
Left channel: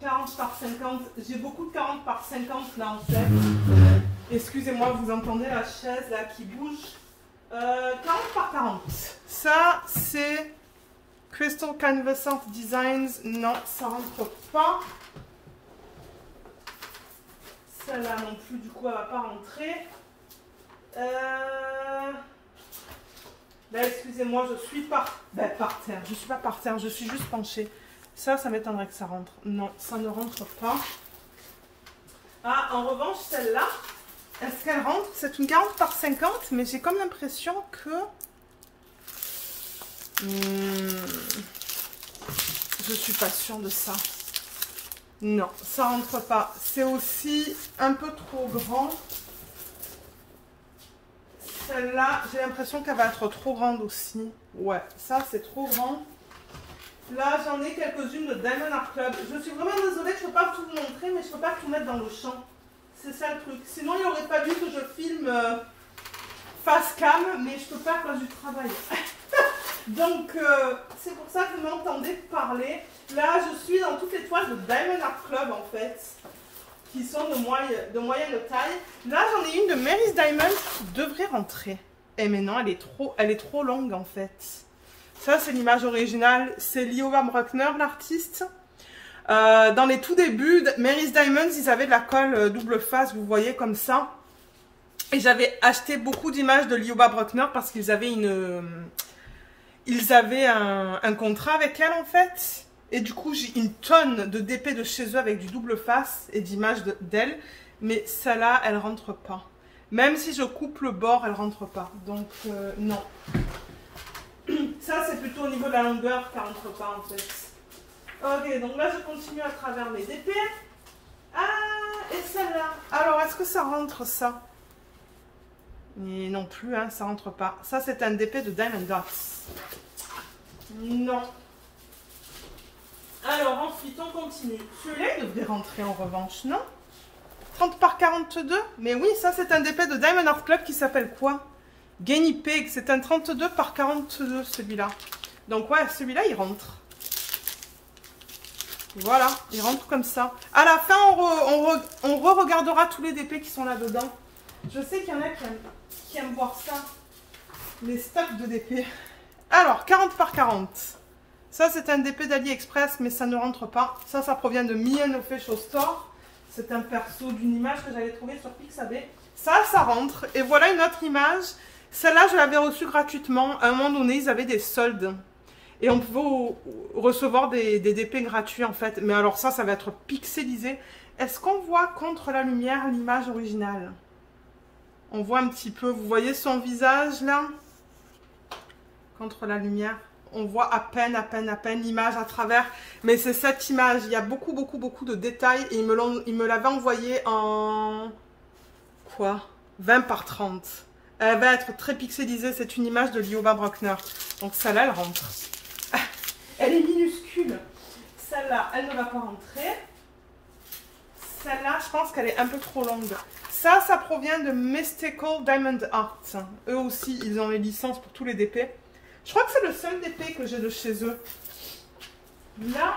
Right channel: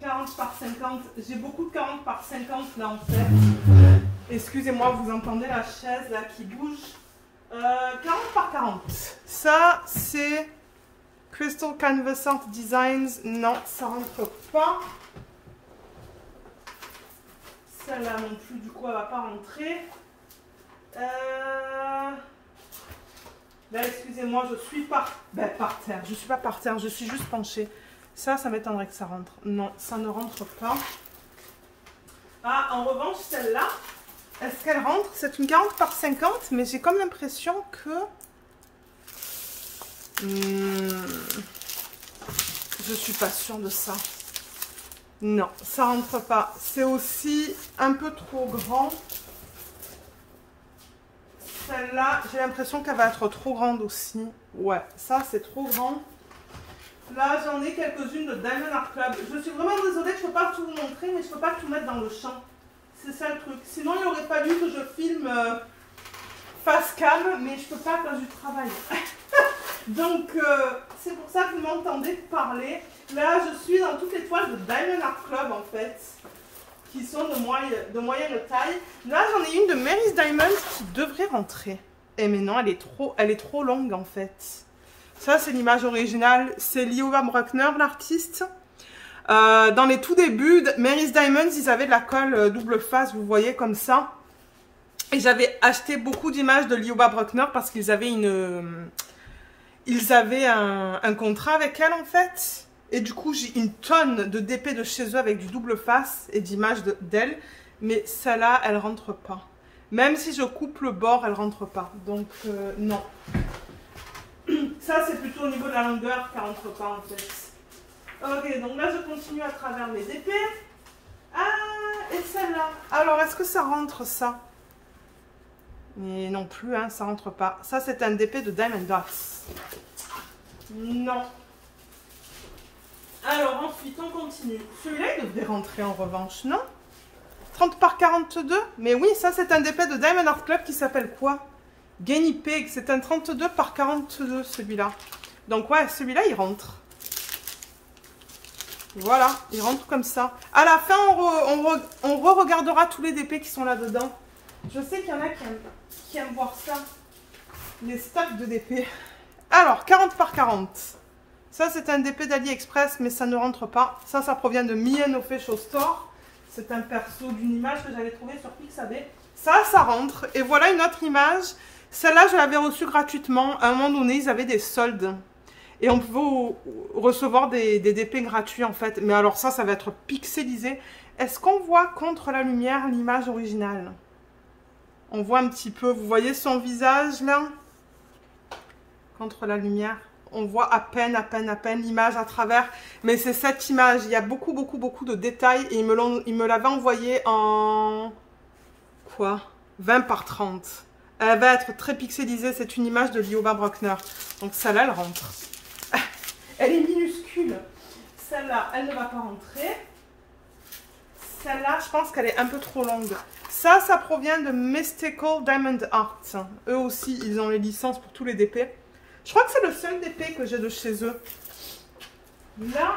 40 par 50. J'ai beaucoup de 40 par 50 là, en fait. Excusez-moi, vous entendez la chaise là qui bouge. 40 par 40. Ça, c'est... Crystal Canvas Art Designs, non, ça rentre pas. Celle-là non plus, du coup, elle va pas rentrer. Ben, excusez-moi, je suis par terre. Je suis pas par terre, je suis juste penchée. Ça m'étonnerait que ça rentre. Non, ça ne rentre pas. Ah, en revanche, celle-là, est-ce qu'elle rentre? C'est une 40 par 50, mais j'ai comme l'impression que... je suis pas sûre de ça. Non, ça rentre pas. C'est aussi un peu trop grand. Celle-là, j'ai l'impression qu'elle va être trop grande aussi. Ouais, ça c'est trop grand. Là, j'en ai quelques-unes de Diamond Art Club. Je suis vraiment désolée, je ne peux pas tout vous montrer, mais je ne peux pas tout mettre dans le champ. C'est ça le truc. Sinon, il aurait fallu que je filme face cam, mais je ne peux pas à cause du travail. Donc, c'est pour ça que vous m'entendez ai parlé. Là, je suis dans toutes les toiles de Diamond Art Club, en fait, qui sont de moyenne taille. Là, j'en ai une de Mary's Diamond qui devrait rentrer. Eh mais non, elle est trop longue, en fait. Ça, c'est l'image originale. C'est Lioba Bruckner, l'artiste. Dans les tout débuts, Mary's Diamonds, ils avaient de la colle double face, vous voyez, comme ça. Et j'avais acheté beaucoup d'images de Lioba Bruckner parce qu'ils avaient un contrat avec elle, en fait. Et du coup, j'ai une tonne de DP de chez eux avec du double face et d'images d'elle. Mais celle-là, elle rentre pas. Même si je coupe le bord, elle rentre pas. Donc, non. Ça, c'est plutôt au niveau de la longueur qu'elle rentre pas, en fait. Ok, donc là, je continue à travers mes DP. Ah, et celle-là. Alors, est-ce que ça rentre, ça? Mais non plus, hein, ça rentre pas. Ça, c'est un DP de Diamond Dots. Non. Alors, ensuite, on continue. Celui-là, il devrait rentrer en revanche, non? 30 par 42? Mais oui, ça, c'est un DP de Diamond Art Club qui s'appelle quoi? Guinea Pig. C'est un 32 par 42, celui-là. Donc, ouais, celui-là, il rentre. Voilà, il rentre comme ça. À la fin, on re-regardera tous les DP qui sont là-dedans. Je sais qu'il y en a qui aiment voir ça. Les stocks de DP. Alors, 40 par 40. Ça, c'est un DP d'AliExpress, mais ça ne rentre pas. Ça provient de Mien Official Store. C'est un perso d'une image que j'avais trouvé sur Pixabay. Ça rentre. Et voilà une autre image. Celle-là, je l'avais reçue gratuitement. À un moment donné, ils avaient des soldes. Et on pouvait recevoir des DP gratuits, en fait. Mais alors ça va être pixelisé. Est-ce qu'on voit contre la lumière l'image originale? On voit un petit peu. Vous voyez son visage, là? Contre la lumière. On voit à peine l'image à travers. Mais c'est cette image. Il y a beaucoup de détails. Et ils me l'avaient envoyé en... quoi? 20 par 30. Elle va être très pixelisée. C'est une image de Lioba Bruckner. Donc celle-là, elle rentre. Elle est minuscule. Celle-là, elle ne va pas rentrer. Celle-là, je pense qu'elle est un peu trop longue. Ça provient de Mystical Diamond Art. Eux aussi, ils ont les licences pour tous les DP. Je crois que c'est le seul DP que j'ai de chez eux. Là,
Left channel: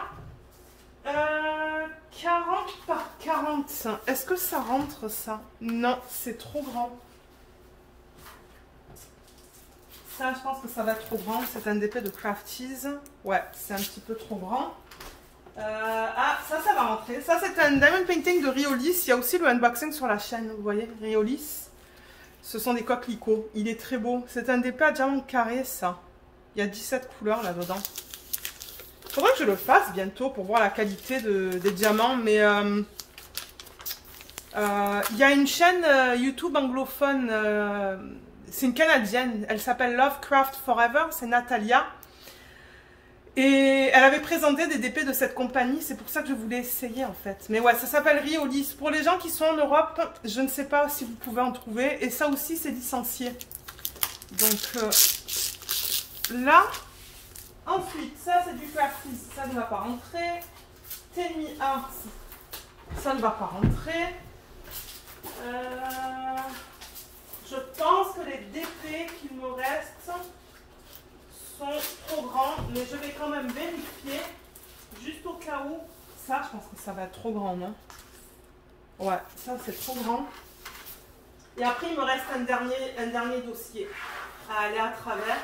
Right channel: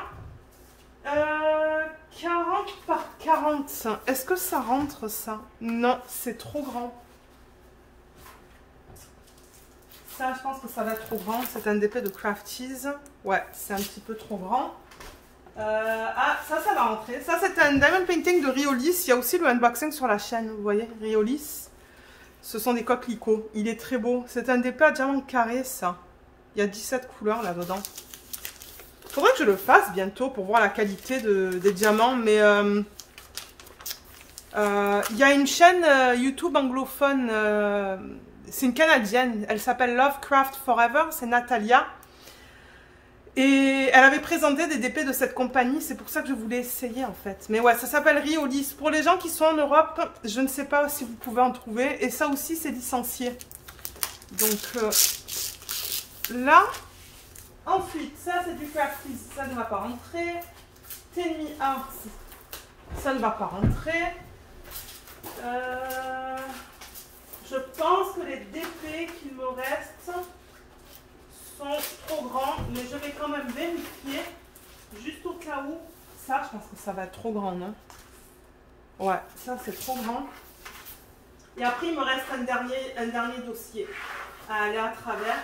40 par 40. Est-ce que ça rentre, ça? Non, c'est trop grand. Ça, je pense que ça va être trop grand. C'est un DP de Crafties. Ouais, c'est un petit peu trop grand. Ah, ça va rentrer. Ça, c'est un Diamond Painting de Riolis. Il y a aussi le unboxing sur la chaîne. Vous voyez, Riolis. Ce sont des coquelicots. Il est très beau. C'est un DP à diamant carré, ça. Il y a 17 couleurs là-dedans. Il faudrait que je le fasse bientôt pour voir la qualité des diamants. Mais il y a une chaîne YouTube anglophone. C'est une Canadienne. Elle s'appelle Lovecraft Forever. C'est Natalia. Et elle avait présenté des DP de cette compagnie. C'est pour ça que je voulais essayer, en fait. Mais ouais, ça s'appelle Riolis. Pour les gens qui sont en Europe, je ne sais pas si vous pouvez en trouver. Et ça aussi, c'est licencié. Donc, là. Ensuite, ça, c'est du Crafties. Ça ne va pas rentrer. Tenmi Arts. Ça ne va pas rentrer. Je pense que les DP qu'il me reste sont trop grands, mais je vais quand même vérifier, juste au cas où. Ça, je pense que ça va être trop grand, non? Ouais, ça c'est trop grand. Et après, il me reste un dernier dossier à aller à travers.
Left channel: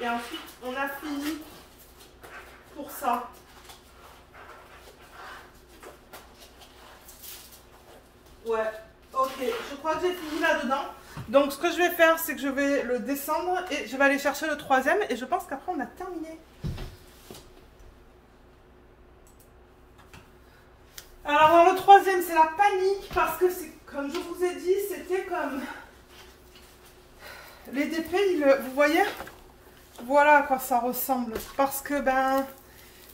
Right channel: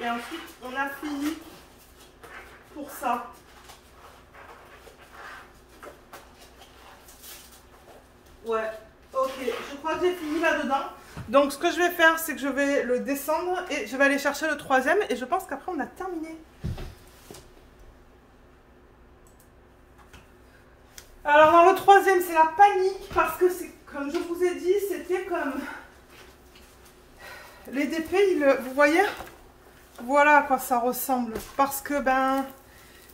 Et ensuite, on a fini pour ça. Ouais, ok, je crois que j'ai fini là-dedans. Donc ce que je vais faire, c'est que je vais le descendre et je vais aller chercher le troisième. Et je pense qu'après, on a terminé. Alors dans le troisième, c'est la panique. Parce que c'est comme je vous ai dit, c'était comme... Les DP, vous voyez? Voilà à quoi ça ressemble. Parce que,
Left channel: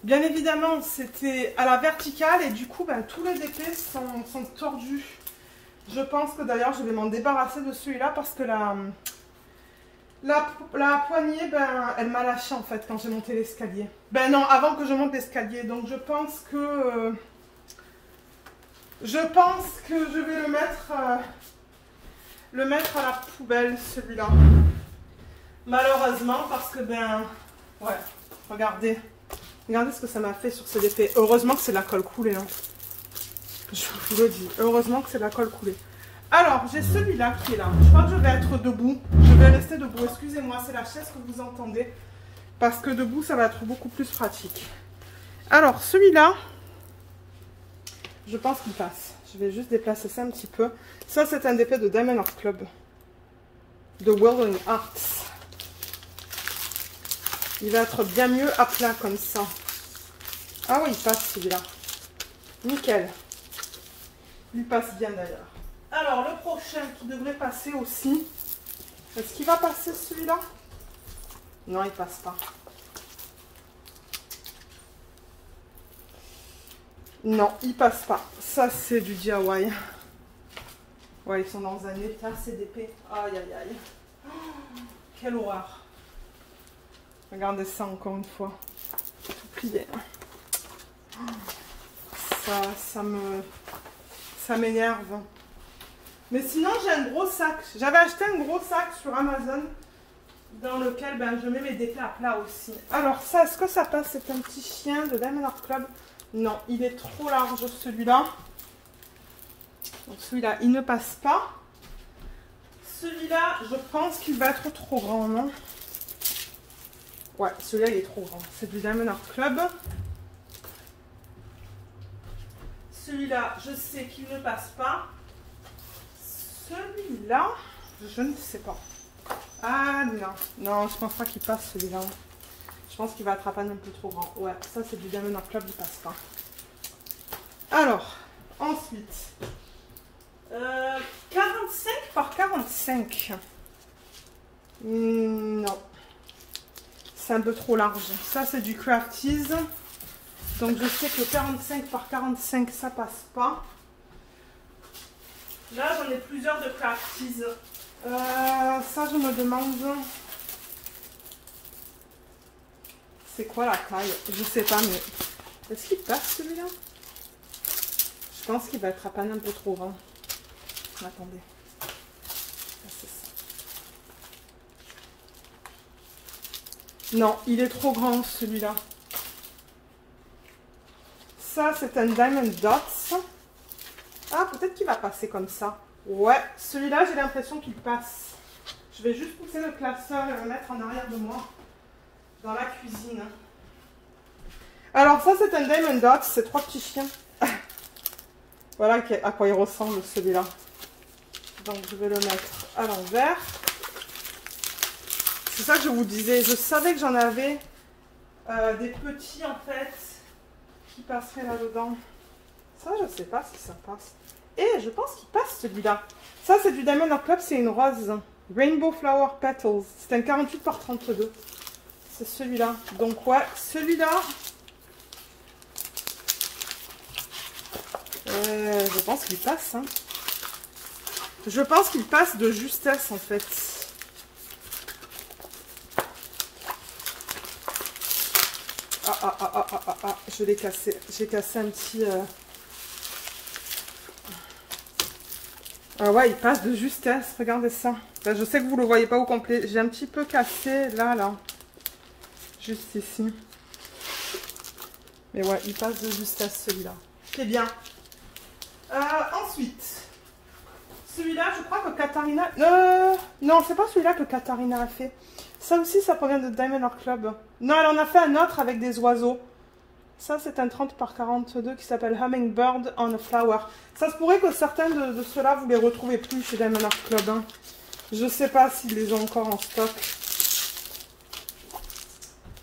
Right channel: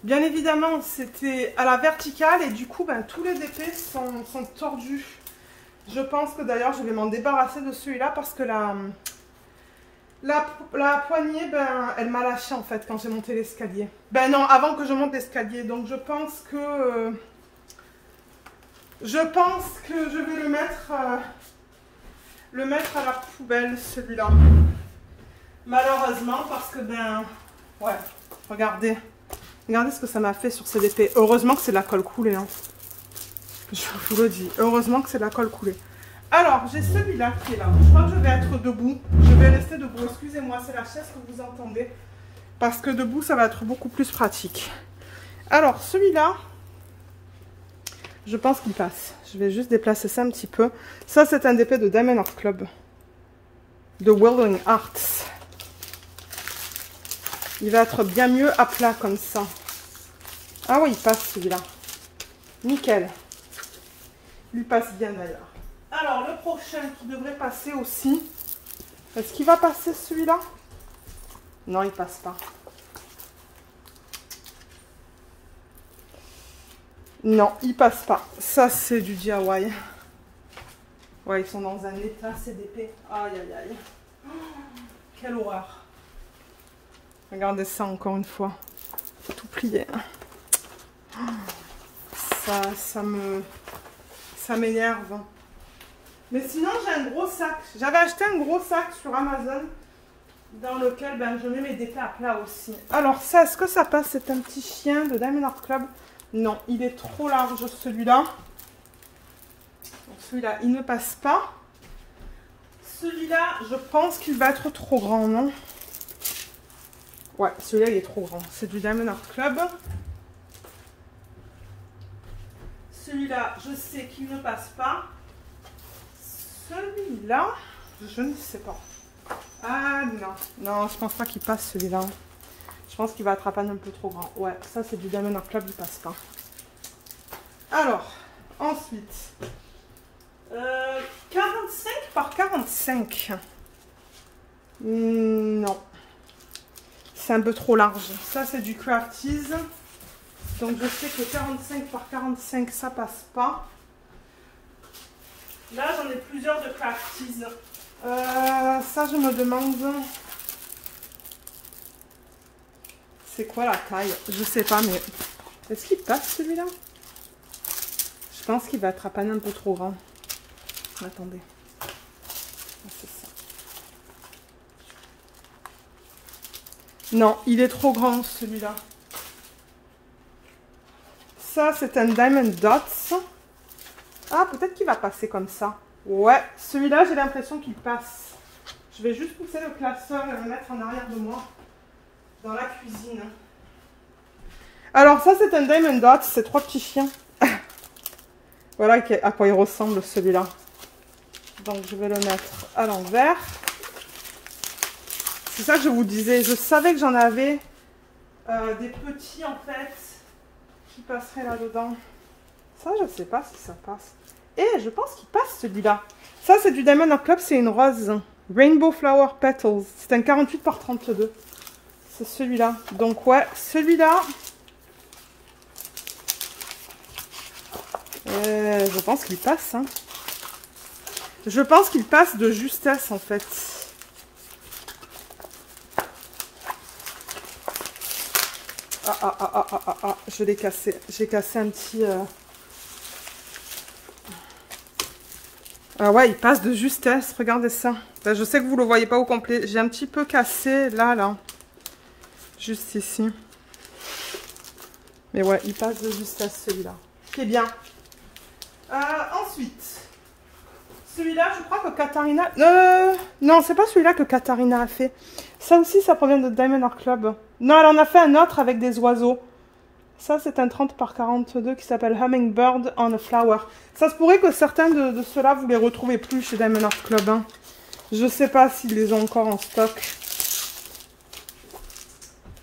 bien évidemment, c'était à la verticale. Et du coup, tous les DP sont tordus. Je pense que d'ailleurs, je vais m'en débarrasser de celui-là parce que la poignée, elle m'a lâché en fait quand j'ai monté l'escalier. Non, avant que je monte l'escalier. Donc je pense que je vais le mettre à la poubelle, celui-là. Malheureusement, parce que ouais, regardez. Regardez ce que ça m'a fait sur cette épée. Heureusement que c'est de la colle coulée. Hein. Je vous le dis. Heureusement que c'est de la colle coulée. Alors, j'ai celui-là qui est là. Je crois que je vais être debout. Je vais rester debout. Excusez-moi, c'est la chaise que vous entendez. Parce que debout, ça va être beaucoup plus pratique. Alors, celui-là, je pense qu'il passe. Je vais juste déplacer ça un petit peu. Ça, c'est un épée de Diamond Art Club. De Welding Arts. Il va être bien mieux à plat comme ça. Ah oui, il passe celui-là. Nickel. Il passe bien d'ailleurs. Alors, le prochain qui devrait passer aussi. Est-ce qu'il va passer celui-là? Non, il passe pas. Non, il passe pas. Ça, c'est du DIY. Ouais, ils sont dans un état, c'est d'épée. Aïe, aïe, aïe. Oh, quelle horreur. Regardez ça encore une fois. Tout plié. Ça m'énerve. Mais sinon, j'ai un gros sac. J'avais acheté un gros sac sur Amazon dans lequel je mets mes épées à plat aussi. Alors ça, est-ce que ça passe? C'est un petit chien de Diamond Art Club. Non, il est trop large celui-là. Donc celui-là, il ne passe pas. Celui-là, je pense qu'il va être trop grand, non? Ouais, celui-là, il est trop grand. C'est du Diamond Art Club. Celui-là, je sais qu'il ne passe pas. Celui-là, je ne sais pas. Ah non, non, je pense pas qu'il passe celui-là. Je pense qu'il va attraper un peu trop grand. Ouais, ça c'est du Diamond Art Club, il passe pas. Alors, ensuite, 45 par 45. Non, c'est un peu trop large. Ça c'est du Crafties. Donc je sais que 45 par 45, ça passe pas. Là, j'en ai plusieurs de Crafties. Ça, je me demande... C'est quoi la taille? Je sais pas, mais... Est-ce qu'il passe, celui-là? Je pense qu'il va être un peu trop grand. Attendez. C'est ça. Non, il est trop grand, celui-là. Ça, c'est un Diamond Dots. Ah, peut-être qu'il va passer comme ça. Ouais, celui-là, j'ai l'impression qu'il passe. Je vais juste pousser le classeur et le mettre en arrière de moi, dans la cuisine. Alors, ça, c'est un Diamond Dots, c'est 3 petits chiens. Voilà à quoi il ressemble, celui-là. Donc, je vais le mettre à l'envers. C'est ça que je vous disais. Je savais que j'en avais des petits, en fait, qui passeraient là-dedans. Ça, je ne sais pas si ça passe. Et je pense qu'il passe celui-là. Ça, c'est du Diamond Art Club, c'est une rose. Rainbow Flower Petals. C'est un 48 par 32. C'est celui-là. Donc, ouais, celui-là. Je pense qu'il passe. Hein. Je pense qu'il passe de justesse, en fait. Ah, je l'ai cassé. J'ai cassé un petit... Ah ouais, il passe de justesse, regardez ça. Là, je sais que vous ne le voyez pas au complet. J'ai un petit peu cassé là. Juste ici. Mais ouais, il passe de justesse celui-là. Qui est bien. Ensuite, celui-là, je crois que Katharina... non, c'est pas celui-là que Katharina a fait. Ça aussi, ça provient de Diamond Art Club. Non, elle en a fait un autre avec des oiseaux. Ça, c'est un 30 par 42 qui s'appelle Hummingbird on a Flower. Ça se pourrait que certains de ceux-là, vous les retrouvez plus chez Diamond Art Club. Hein. Je ne sais pas s'ils les ont encore en stock.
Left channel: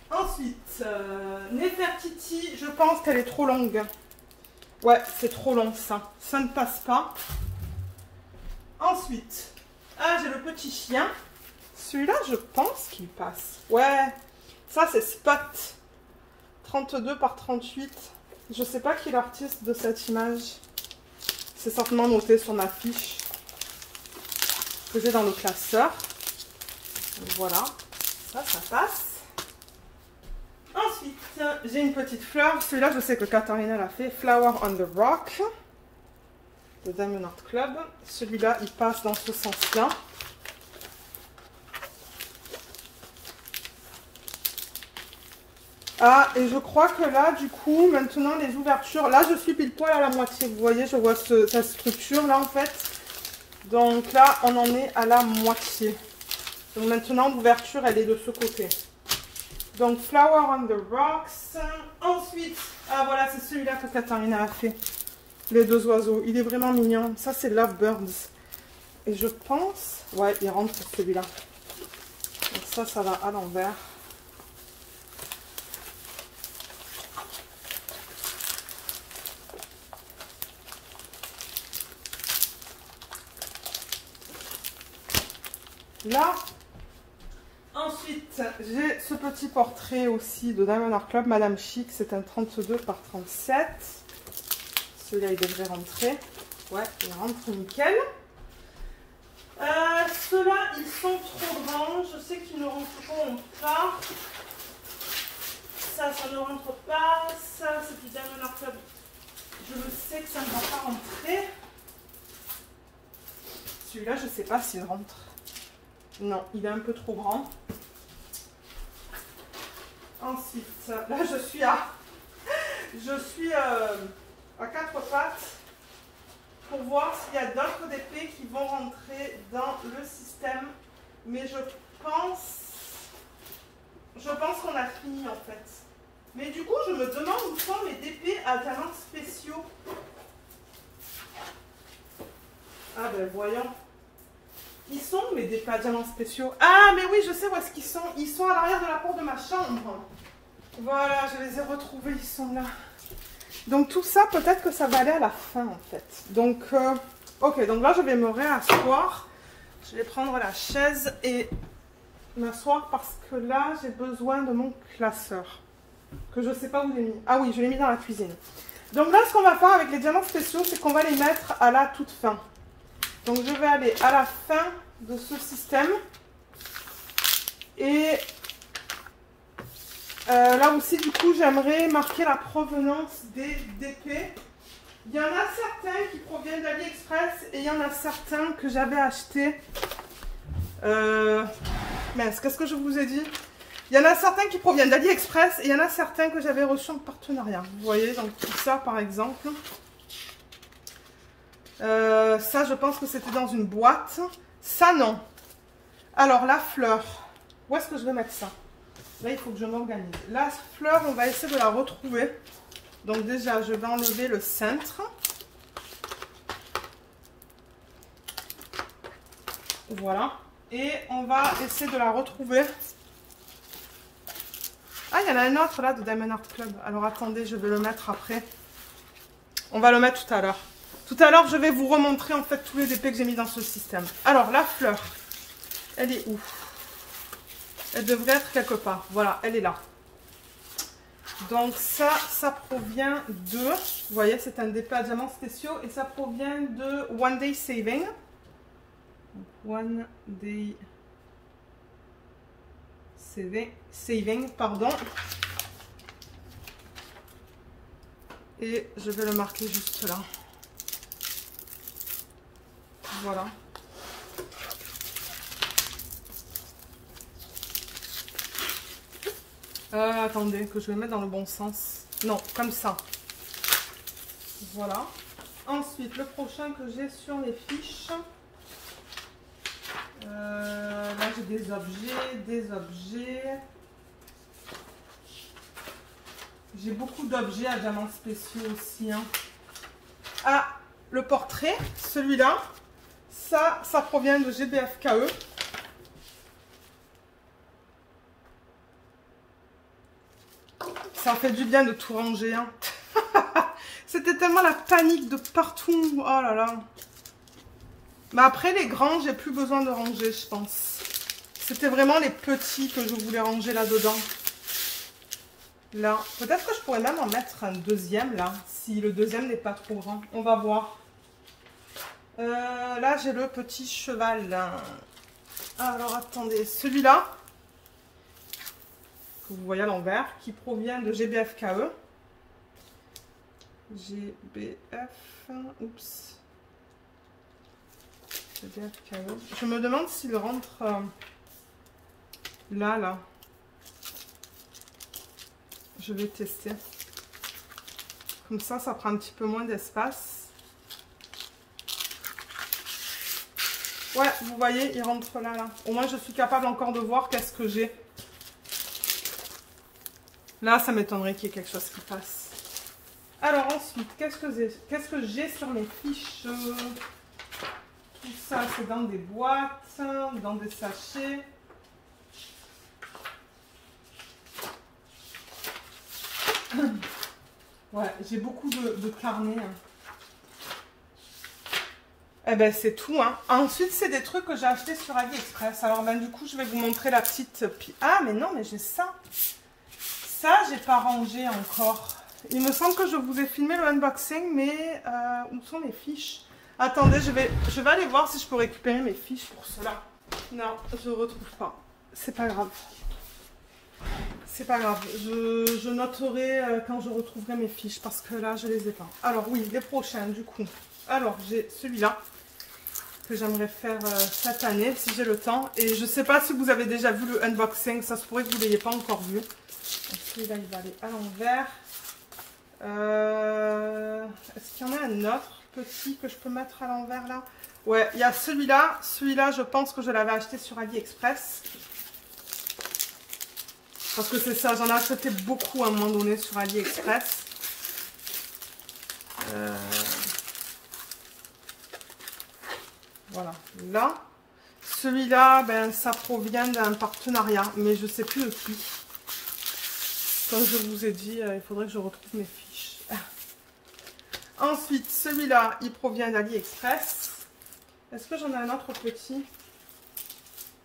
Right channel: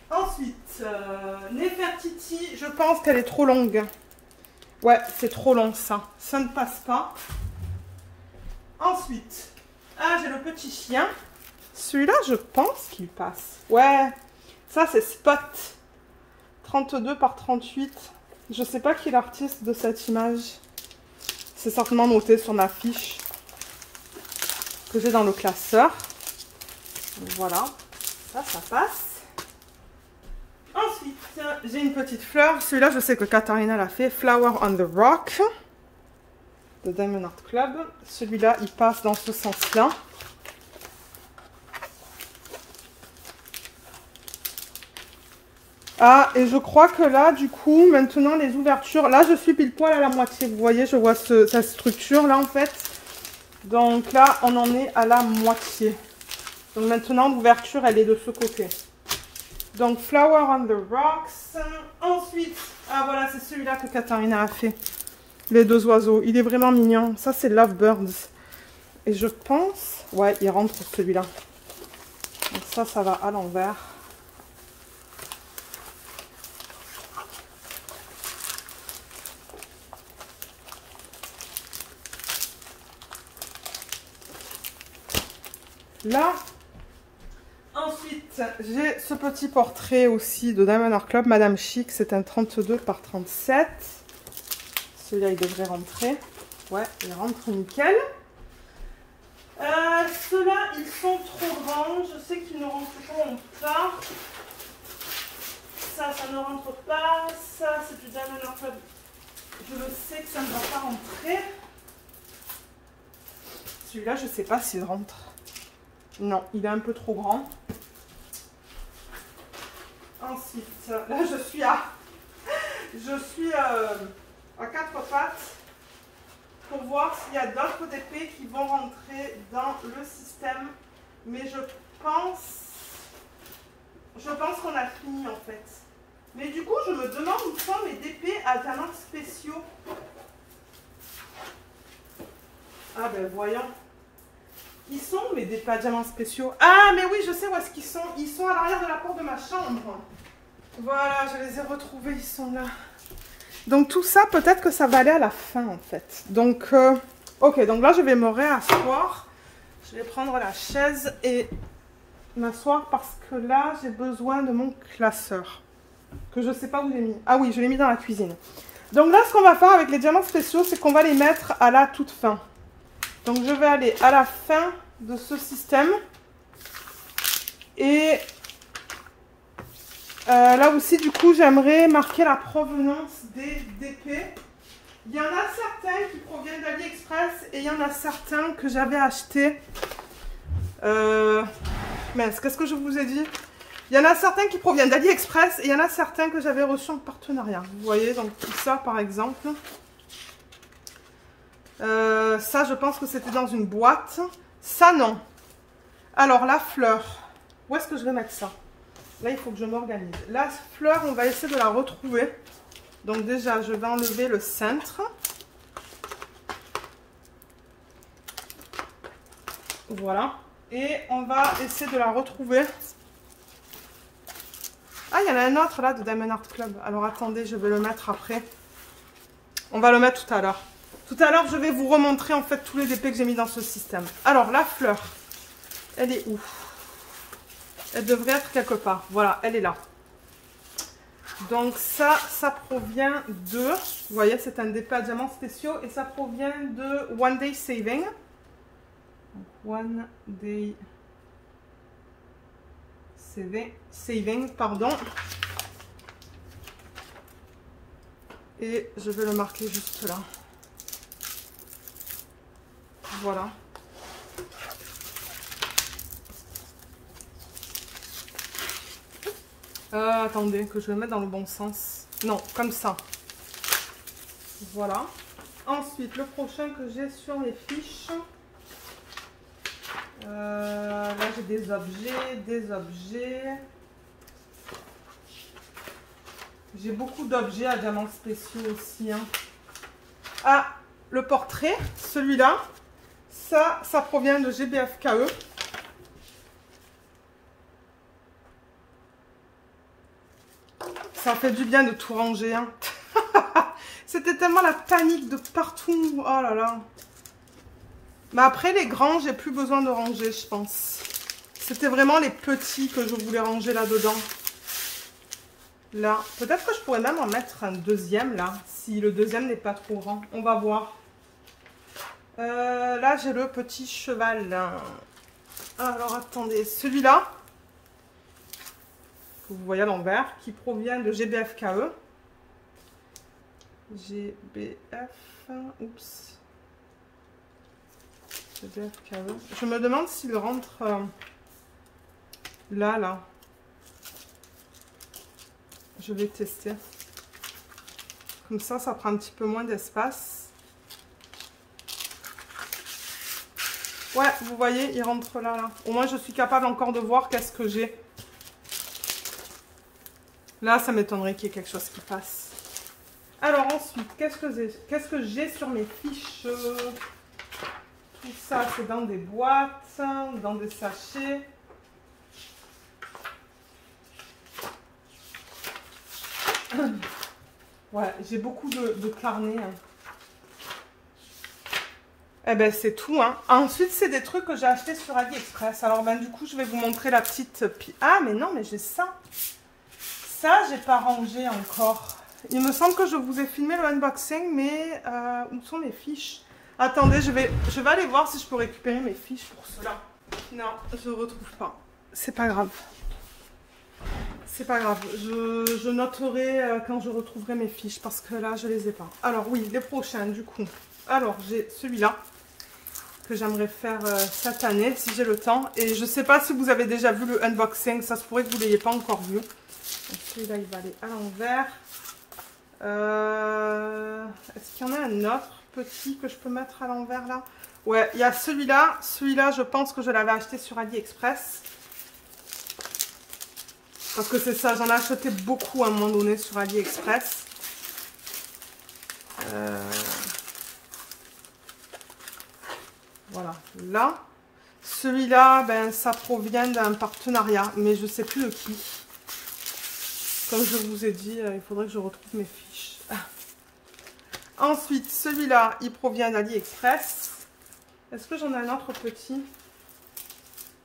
Ensuite, Nefertiti, je pense qu'elle est trop longue. Ouais, c'est trop long ça. Ça ne passe pas. Ensuite, j'ai le petit chien. Celui-là, je pense qu'il passe. Ouais, ça c'est Spot. 32 par 38. Je sais pas qui est l'artiste de cette image. C'est certainement noté sur ma fiche que j'ai dans le classeur. Donc voilà, ça passe. Ensuite, j'ai une petite fleur. Celui-là, je sais que Katharina l'a fait. Flower on the Rock de Diamond Art Club. Celui-là, il passe dans ce sens-là. Ah, et je crois que là, du coup, maintenant, les ouvertures... Là, je suis pile poil à la moitié. Vous voyez, je vois cette structure, là, en fait. Donc là, on en est à la moitié. Donc maintenant, l'ouverture, elle est de ce côté. Donc, Flower on the Rocks. Ensuite, ah, voilà, c'est celui-là que Katharina a fait. Les deux oiseaux. Il est vraiment mignon. Ça, c'est Lovebirds. Et je pense... Ouais, il rentre celui-là. Donc ça va à l'envers. Là, ensuite, j'ai ce petit portrait aussi de Diamond Art Club, Madame Chic. C'est un 32 par 37. Celui-là, il devrait rentrer. Ouais, il rentre nickel. Ceux-là, ils sont trop grands. Je sais qu'ils ne rentreront pas. Ça ne rentre pas. Ça, c'est du Diamond Art Club. Je le sais que ça ne va pas rentrer. Celui-là, je ne sais pas s'il rentre. Non, il est un peu trop grand. Ensuite, là, je suis à quatre pattes pour voir s'il y a d'autres DP qui vont rentrer dans le système. Mais je pense qu'on a fini en fait. Mais du coup, je me demande où sont mes DP à diamants spéciaux. Ah ben voyons. Ils sont mes DP à diamants spéciaux. Ah mais oui, je sais où est-ce qu'ils sont. Ils sont à l'arrière de la porte de ma chambre. Voilà, je les ai retrouvés, ils sont là. Donc tout ça, peut-être que ça va aller à la fin en fait. Donc, ok, donc là je vais me réasseoir. Je vais prendre la chaise et m'asseoir parce que là j'ai besoin de mon classeur. Que je ne sais pas où j'ai mis. Ah oui, je l'ai mis dans la cuisine. Donc là, ce qu'on va faire avec les diamants spéciaux, c'est qu'on va les mettre à la toute fin. Donc je vais aller à la fin de ce système. Et là aussi, du coup, j'aimerais marquer la provenance des DP. Il y en a certains qui proviennent d'AliExpress et il y en a certains que j'avais achetés. Mince, qu'est-ce que je vous ai dit? Il y en a certains qui proviennent d'AliExpress et il y en a certains que j'avais reçus en partenariat. Vous voyez, donc tout ça par exemple. Ça, je pense que c'était dans une boîte. Ça, non. Alors, la fleur. Où est-ce que je vais mettre ça? Là, il faut que je m'organise. La fleur, on va essayer de la retrouver. Donc déjà, je vais enlever le cintre. Voilà. Et on va essayer de la retrouver. Ah, il y en a un autre là de Diamond Art Club. Alors attendez, je vais le mettre après. On va le mettre tout à l'heure. Tout à l'heure, je vais vous remontrer en fait tous les DP que j'ai mis dans ce système. Alors, la fleur, elle est où? Elle devrait être quelque part. Voilà, elle est là. Donc ça provient de... Vous voyez, c'est un DP à diamants spéciaux et ça provient de One Day Saving. Donc, One Day Saving, pardon. Et je vais le marquer juste là. Voilà. Attendez, que je le mette dans le bon sens. Non, comme ça. Voilà. Ensuite, le prochain que j'ai sur les fiches. Là, j'ai des objets. J'ai beaucoup d'objets à diamants spéciaux aussi. Hein. Ah, le portrait, celui-là. Ça provient de GBFKE. Ça fait du bien de tout ranger. Hein. C'était tellement la panique de partout. Oh là là. Mais après, les grands, j'ai plus besoin de ranger, je pense. C'était vraiment les petits que je voulais ranger là-dedans. Là. Peut-être que je pourrais même en mettre un deuxième, là. Si le deuxième n'est pas trop grand. On va voir. Là, j'ai le petit cheval. Là. Alors, attendez. Celui-là, que vous voyez à l'envers, qui provient de GBFKE. Oups. GBFKE. Je me demande s'il rentre là. je vais tester. Comme ça prend un petit peu moins d'espace. Ouais, vous voyez, il rentre là, là. Au moins, je suis capable encore de voir qu'est-ce que j'ai. Là, ça m'étonnerait qu'il y ait quelque chose qui passe. Alors ensuite, qu'est-ce que j'ai sur mes fiches? Tout ça, c'est dans des boîtes, dans des sachets. Ouais, j'ai beaucoup de carnets. Eh ben, c'est tout. Hein. Ensuite, c'est des trucs que j'ai achetés sur AliExpress. Alors, ben, du coup, je vais vous montrer la petite... Ah, mais non, mais j'ai ça. Ça, j'ai pas rangé encore. Il me semble que je vous ai filmé le unboxing, mais où sont mes fiches? Attendez, je vais aller voir si je peux récupérer mes fiches pour cela. Non, je ne retrouve pas. C'est pas grave. C'est pas grave. Je noterai quand je retrouverai mes fiches, parce que là, je les ai pas. Alors oui, les prochains, du coup. Alors, j'ai celui-là que j'aimerais faire cette année, si j'ai le temps. Et je sais pas si vous avez déjà vu le unboxing. Ça se pourrait que vous ne l'ayez pas encore vu. Celui-là, il va aller à l'envers. Est-ce qu'il y en a un autre petit que je peux mettre à l'envers là? Ouais, il y a celui-là. Celui-là, je pense que je l'avais acheté sur AliExpress. Parce que c'est ça, j'en ai acheté beaucoup à un moment donné sur AliExpress. Voilà, là. Celui-là, ben, ça provient d'un partenariat, mais je ne sais plus de qui. Comme je vous ai dit, il faudrait que je retrouve mes fiches. Ensuite, celui-là, il provient d'AliExpress. Est-ce que j'en ai un autre petit?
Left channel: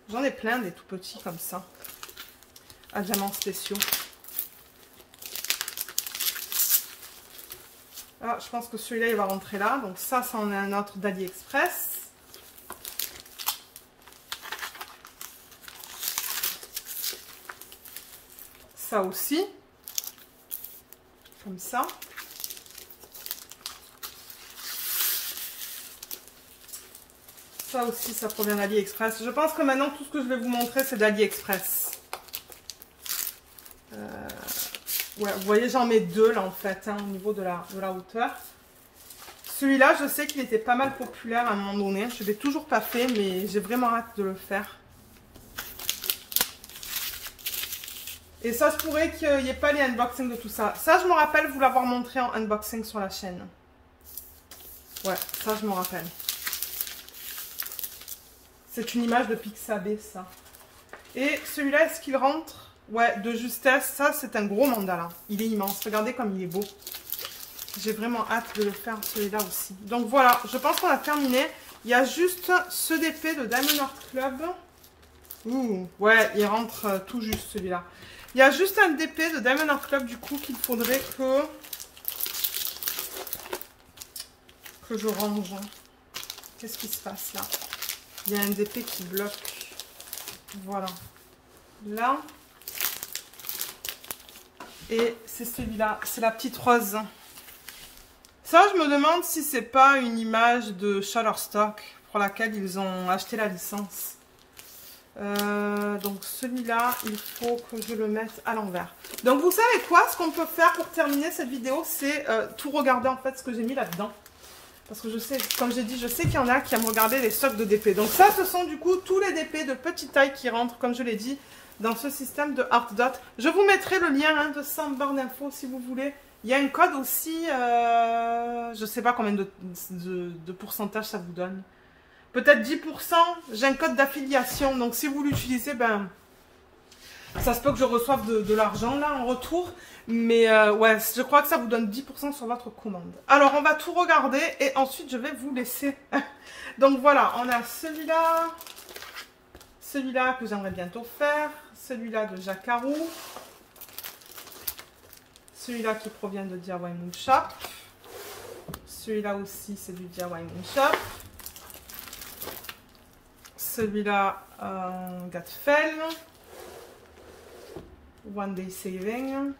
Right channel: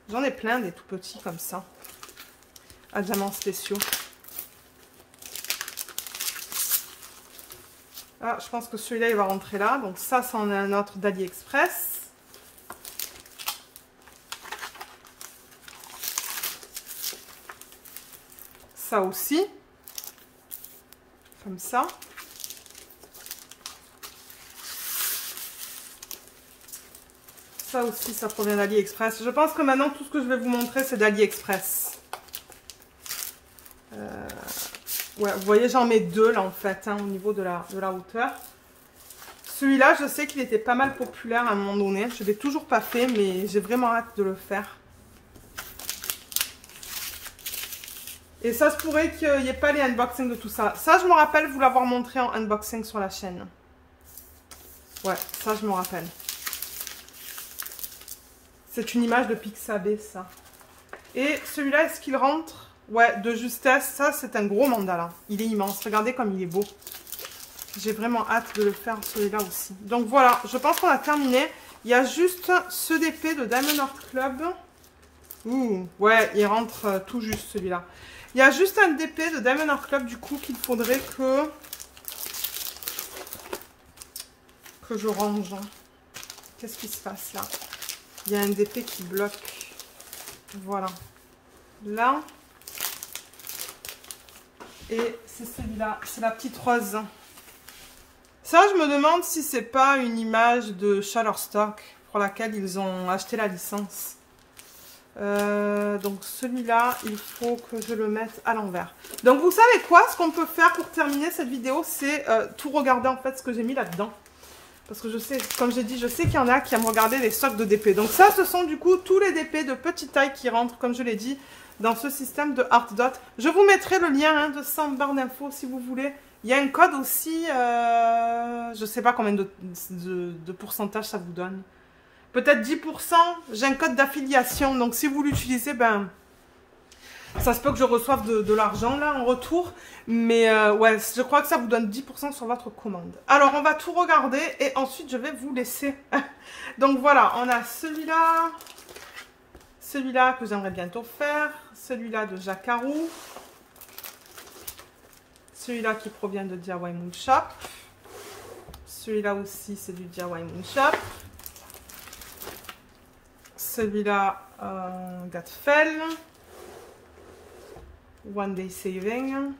J'en ai plein des tout petits comme ça. À diamants spéciaux. Ah, je pense que celui-là, il va rentrer là. Donc ça, c'en est un autre d'AliExpress. Ça aussi. Comme ça. Ça aussi, ça provient d'AliExpress. Je pense que maintenant, tout ce que je vais vous montrer, c'est d'AliExpress. Ouais, vous voyez, j'en mets deux là en fait, hein, au niveau de la hauteur. Celui-là, je sais qu'il était pas mal populaire à un moment donné. Je ne l'ai toujours pas fait, mais j'ai vraiment hâte de le faire. Et ça se pourrait qu'il n'y ait pas les unboxings de tout ça. Ça, je me rappelle vous l'avoir montré en unboxing sur la chaîne. Ouais, ça, je me rappelle. C'est une image de Pixabay, ça. Et celui-là, est-ce qu'il rentre? Ouais, de justesse. Ça, c'est un gros mandala. Il est immense. Regardez comme il est beau. J'ai vraiment hâte de le faire, celui-là aussi. Donc voilà, je pense qu'on a terminé. Il y a juste ce DP de Diamond Art Club. Ouh, ouais, il rentre tout juste, celui-là. Il y a juste un DP de Diamond Art Club, du coup, qu'il faudrait que je range. Qu'est-ce qui se passe là? Il y a un DP qui bloque. Voilà. Là. Et c'est celui-là. C'est la petite rose. Ça, je me demande si c'est pas une image de Shutterstock pour laquelle ils ont acheté la licence. Donc celui-là, il faut que je le mette à l'envers. Donc vous savez quoi? Ce qu'on peut faire pour terminer cette vidéo, c'est tout regarder en fait ce que j'ai mis là-dedans. Parce que je sais, comme j'ai dit, je sais qu'il y en a qui aiment regarder les stocks de DP. Donc ça, ce sont du coup tous les DP de petite taille qui rentrent, comme je l'ai dit, dans ce système de ArtDot. Je vous mettrai le lien hein, de ça en barre d'infos si vous voulez. Il y a un code aussi, je ne sais pas combien de pourcentage ça vous donne. Peut-être 10%, j'ai un code d'affiliation. Donc si vous l'utilisez, ben, ça se peut que je reçoive de l'argent là en retour. Mais ouais, je crois que ça vous donne 10% sur votre commande. Alors on va tout regarder et ensuite je vais vous laisser. Donc voilà, on a celui-là. Celui-là que j'aimerais bientôt faire. Celui-là de Jacarou. Celui-là qui provient de DIY Moon Shop. Celui-là aussi, c'est du DIY Moon Shop. Celui-là, Gatfell. One Day Saving.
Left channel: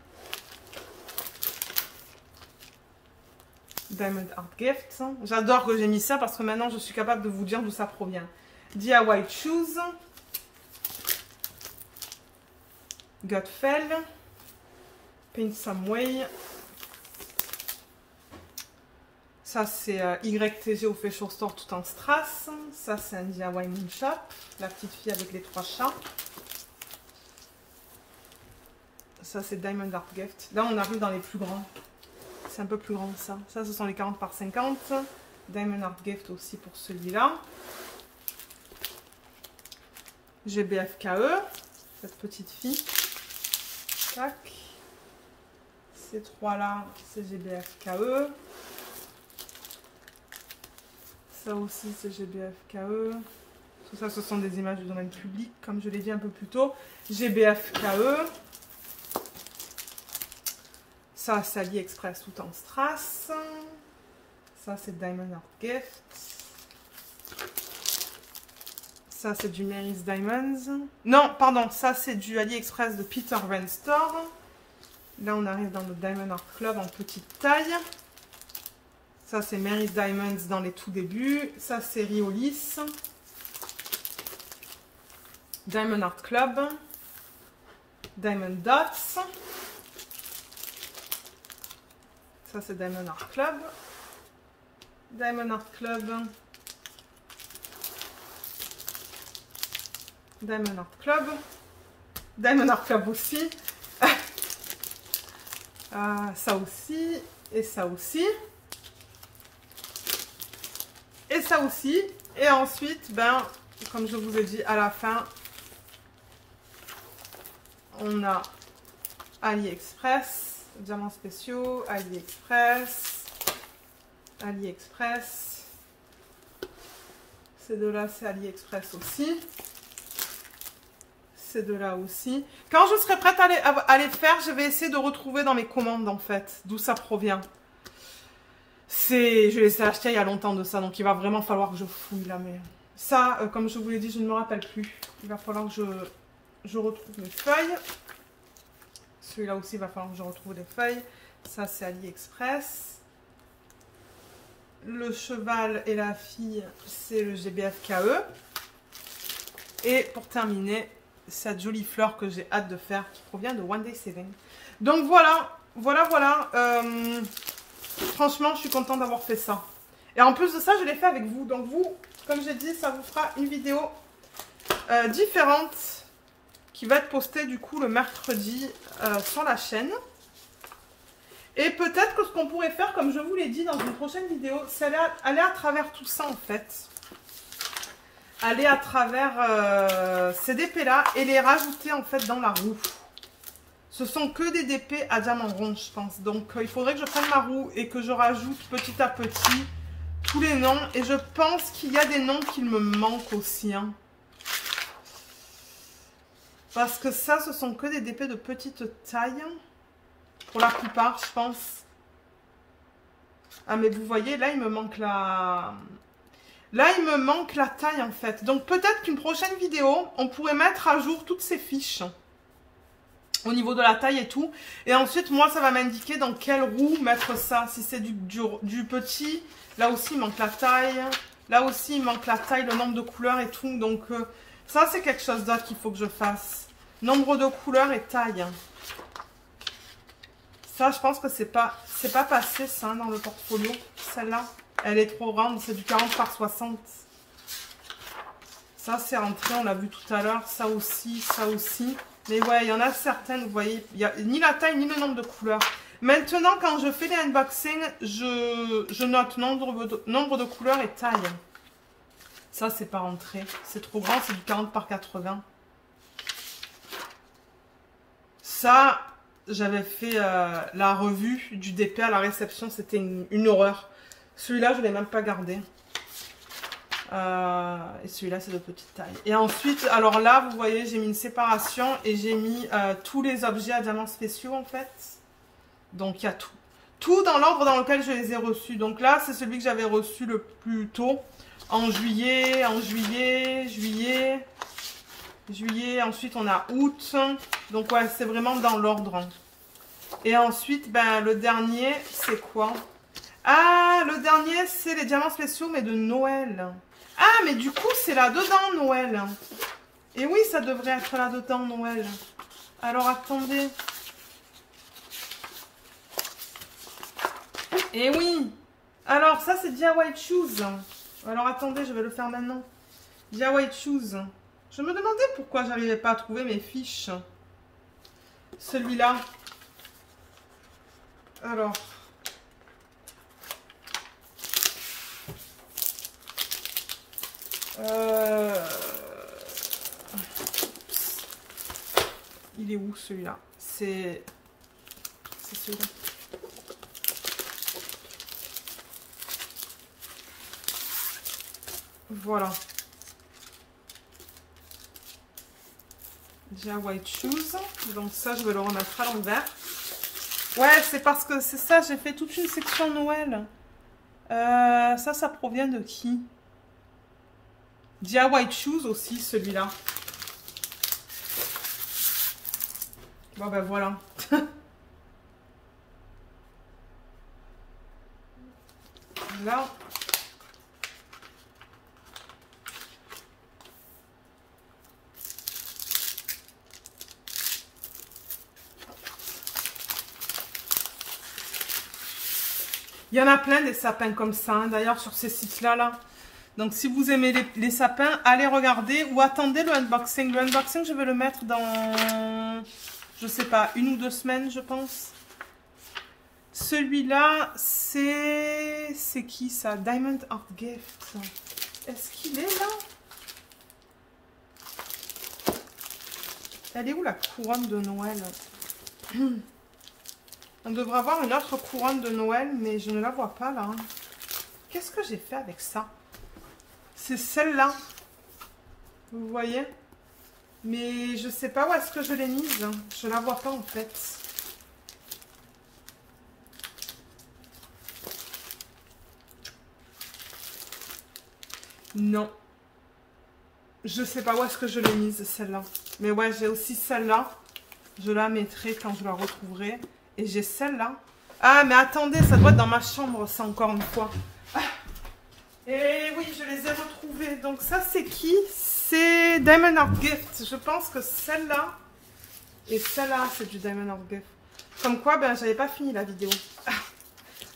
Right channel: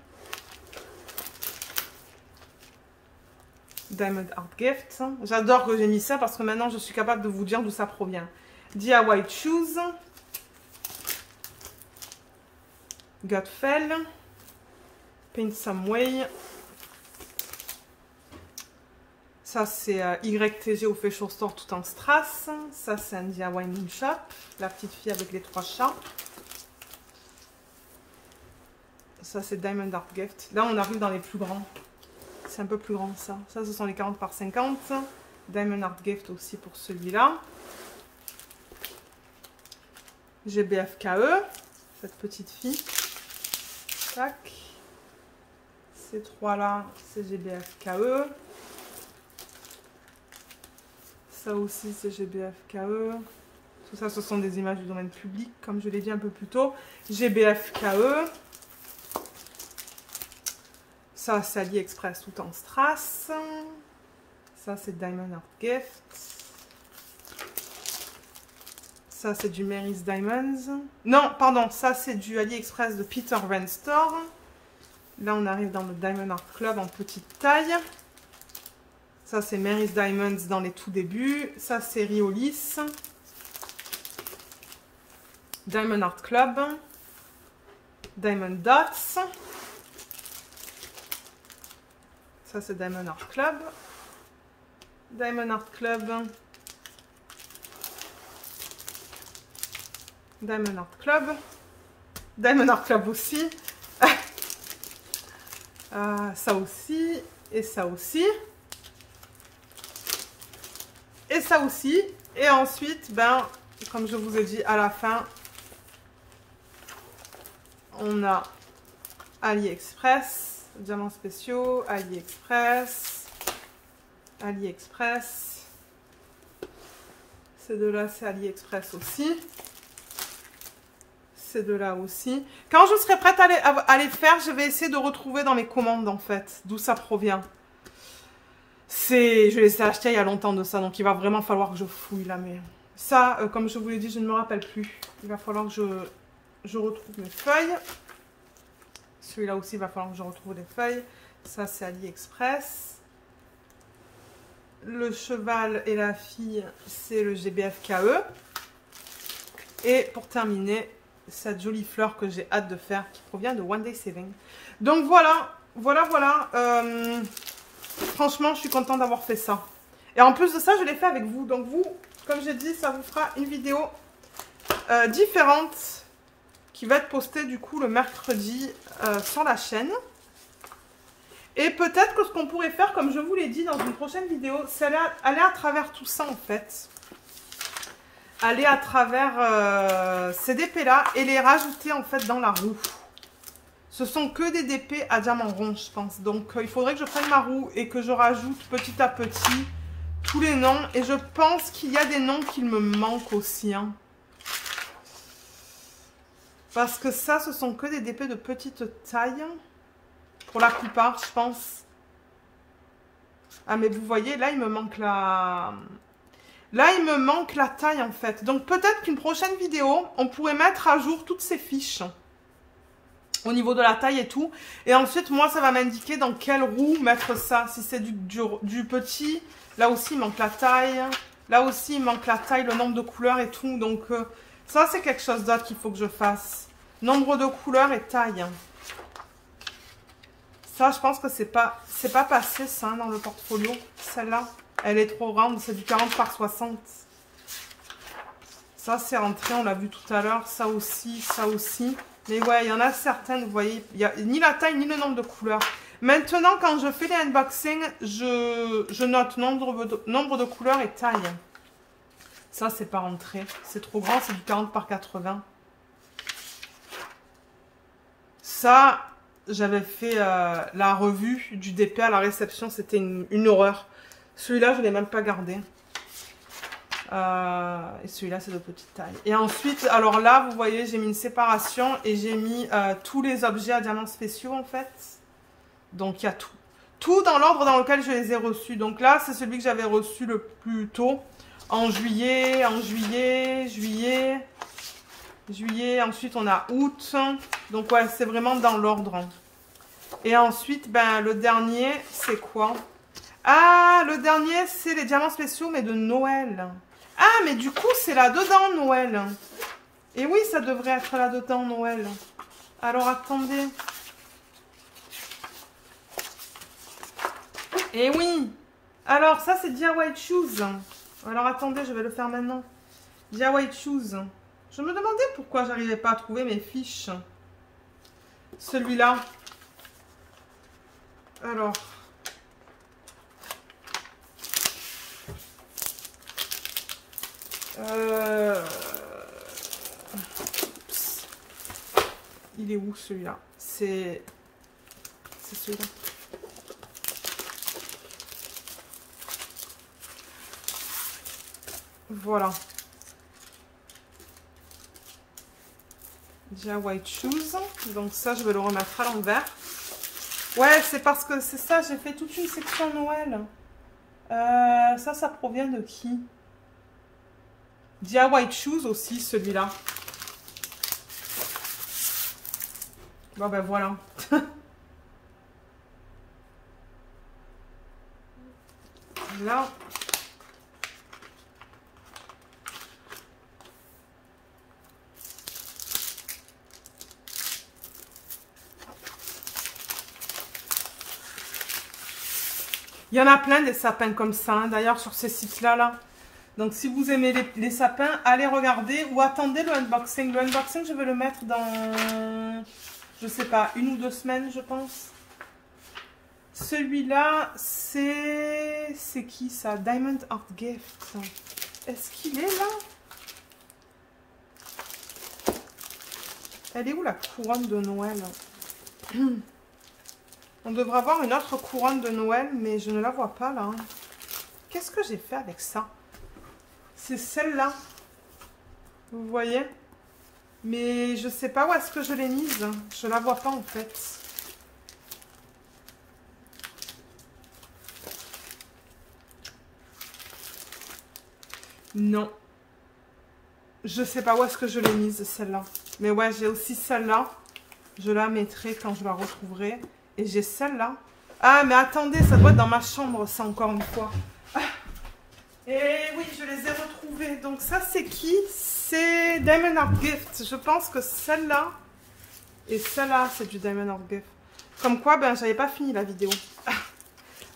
Diamond Art Gift. J'adore que j'ai mis ça parce que maintenant, je suis capable de vous dire d'où ça provient. DIY Shoes. Gatfell. Paint Some Way. Ça, c'est YTG au Fashion Store tout en strass. Ça, c'est un DIY Moonshot. La petite fille avec les 3 chats. Ça, c'est Diamond Art Gift. Là, on arrive dans les plus grands. C'est un peu plus grand, ça. Ça, ce sont les 40 par 50. Diamond Art Gift aussi pour celui-là. GBFKE. Cette petite fille. Tac. Ces 3-là, c'est GBFKE. Ça aussi, c'est GBFKE. Tout ça, ce sont des images du domaine public, comme je l'ai dit un peu plus tôt. GBFKE. Ça, c'est AliExpress tout en strass. Ça, c'est Diamond Art Gift. Ça, c'est du Mary's Diamonds. Non, pardon, ça, c'est du AliExpress de Peter Van Store. Là, on arrive dans le Diamond Art Club en petite taille. Ça, c'est Mary's Diamonds dans les tout débuts. Ça, c'est Riolis. Diamond Art Club. Diamond Dots. Ça, c'est Diamond Art Club. Diamond Art Club. Diamond Art Club. Diamond Art Club aussi. Ça aussi. Et ça aussi. Et ça aussi. Et ensuite, ben, comme je vous ai dit à la fin, on a AliExpress, diamants spéciaux, AliExpress, AliExpress. Ces deux-là, c'est AliExpress aussi. Ces deux-là aussi. Quand je serai prête à les faire, je vais essayer de retrouver dans mes commandes, en fait, d'où ça provient. Je les ai achetés il y a longtemps de ça, donc il va vraiment falloir que je fouille là. Mais ça, comme je vous l'ai dit, je ne me rappelle plus. Il va falloir que je retrouve mes feuilles. Celui-là aussi, il va falloir que je retrouve les feuilles. Ça, c'est AliExpress. Le cheval et la fille, c'est le GBFKE. Et pour terminer, cette jolie fleur que j'ai hâte de faire, qui provient de One Day Saving. Donc voilà, voilà. Franchement, je suis contente d'avoir fait ça. Et en plus de ça, je l'ai fait avec vous. Donc vous, comme j'ai dit, ça vous fera une vidéo différente qui va être postée du coup le mercredi sur la chaîne. Et peut-être que ce qu'on pourrait faire, comme je vous l'ai dit dans une prochaine vidéo, c'est aller à travers tout ça en fait. Aller à travers ces DP là et les rajouter en fait dans la roue. Ce sont que des DP à diamant rond, je pense. Donc, il faudrait que je prenne ma roue et que je rajoute petit à petit tous les noms. Et je pense qu'il y a des noms qui me manquent aussi. Hein. Parce que ça, ce sont que des DP de petite taille. Pour la plupart, je pense. Ah, mais vous voyez, là, il me manque la... Là, il me manque la taille, en fait. Donc, peut-être qu'une prochaine vidéo, on pourrait mettre à jour toutes ces fiches. Au niveau de la taille et tout. Et ensuite, moi, ça va m'indiquer dans quelle roue mettre ça. Si c'est du petit, là aussi, il manque la taille. Là aussi, il manque la taille, le nombre de couleurs et tout. Donc, ça, c'est quelque chose d'autre qu'il faut que je fasse. Nombre de couleurs et taille. Ça, je pense que c'est pas passé, ça, dans le portfolio. Celle-là, elle est trop grande. C'est du 40 par 60. Ça, c'est rentré, on l'a vu tout à l'heure. Ça aussi, ça aussi. Mais ouais, il y en a certaines, vous voyez, il n'y a ni la taille, ni le nombre de couleurs. Maintenant, quand je fais les unboxings, je note nombre de couleurs et taille. Ça, c'est pas rentré. C'est trop grand, c'est du 40 par 80. Ça, j'avais fait la revue du DP à la réception. C'était une horreur. Celui-là, je ne l'ai même pas gardé. Et celui-là, c'est de petite taille. Et ensuite, alors là, vous voyez, j'ai mis une séparation et j'ai mis tous les objets à diamants spéciaux, en fait. Donc, il y a tout. Tout dans l'ordre dans lequel je les ai reçus. Donc là, c'est celui que j'avais reçu le plus tôt. En juillet. Ensuite, on a août. Donc, ouais, c'est vraiment dans l'ordre. Et ensuite, ben, le dernier, c'est quoi? Ah, le dernier, c'est les diamants spéciaux, mais de Noël. Ah, mais du coup, c'est là-dedans, Noël. Et oui, ça devrait être là-dedans, Noël. Alors, attendez. Et oui. Alors, ça, c'est DIY Shoes. Alors, attendez, je vais le faire maintenant. DIY Shoes. Je me demandais pourquoi j'arrivais pas à trouver mes fiches. Celui-là. Alors. Il est où celui-là? C'est celui-là. Voilà. DIY Shoes. Donc ça, je vais le remettre à l'envers. Ouais, c'est parce que c'est ça, j'ai fait toute une section Noël. Ça provient de qui? DIY Shoes aussi, celui-là. Bon, ben voilà. Là. Il y en a plein des sapins comme ça, hein, d'ailleurs, sur ces sites-là. Là. Donc, si vous aimez les sapins, allez regarder ou attendez le unboxing. Le unboxing, je vais le mettre dans, je sais pas, 1 ou 2 semaines, je pense. Celui-là, c'est qui ça? Diamond Art Gift. Est-ce qu'il est là? Elle est où la couronne de Noël? On devrait avoir une autre couronne de Noël, mais je ne la vois pas là. Qu'est-ce que j'ai fait avec ça? C'est celle-là. Vous voyez? Mais je ne sais pas où est-ce que je l'ai mise. Je ne la vois pas en fait. Non. Je ne sais pas où est-ce que je l'ai mise, celle-là. Mais ouais, j'ai aussi celle-là. Je la mettrai quand je la retrouverai. Et j'ai celle-là. Ah, mais attendez, ça doit être dans ma chambre, ça, encore une fois. Ah. Et oui, je les ai retrouvées. Donc ça, c'est qui? C'est Diamond Art Gift. Je pense que celle-là et celle-là, c'est du Diamond Art Gift. Comme quoi, ben, j'avais pas fini la vidéo. Ah.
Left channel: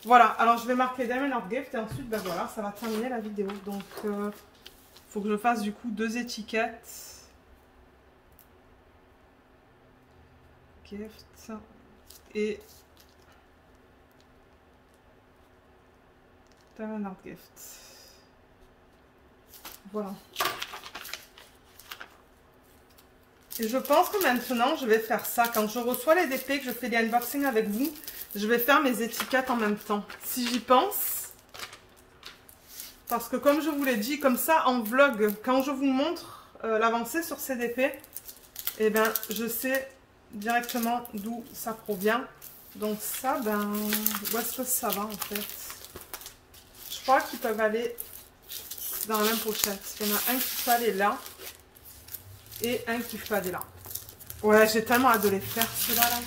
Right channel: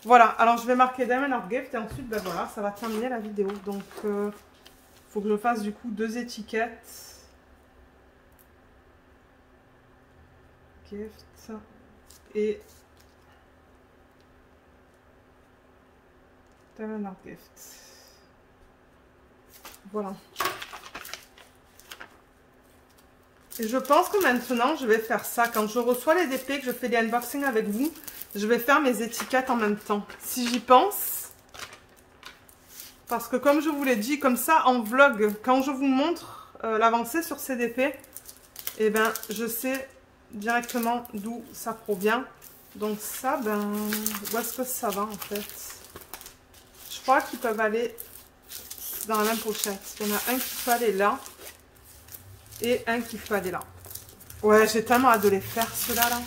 Voilà, alors je vais marquer Diamond Art Gift et ensuite, ben voilà, ça va terminer la vidéo. Donc, faut que je fasse du coup 2 étiquettes. Gift. Et Diamond Art Gift. Voilà. Et je pense que maintenant, je vais faire ça. Quand je reçois les DP, que je fais des unboxings avec vous, je vais faire mes étiquettes en même temps. Si j'y pense. Parce que comme je vous l'ai dit, comme ça, en vlog, quand je vous montre l'avancée sur CDP, eh ben, je sais directement d'où ça provient. Donc ça, ben, où est-ce que ça va en fait? Je crois qu'ils peuvent aller dans la même pochette. Il y en a un qui peut aller là et un qui peut aller là. Ouais, j'ai tellement hâte de les faire ceux-là. Là.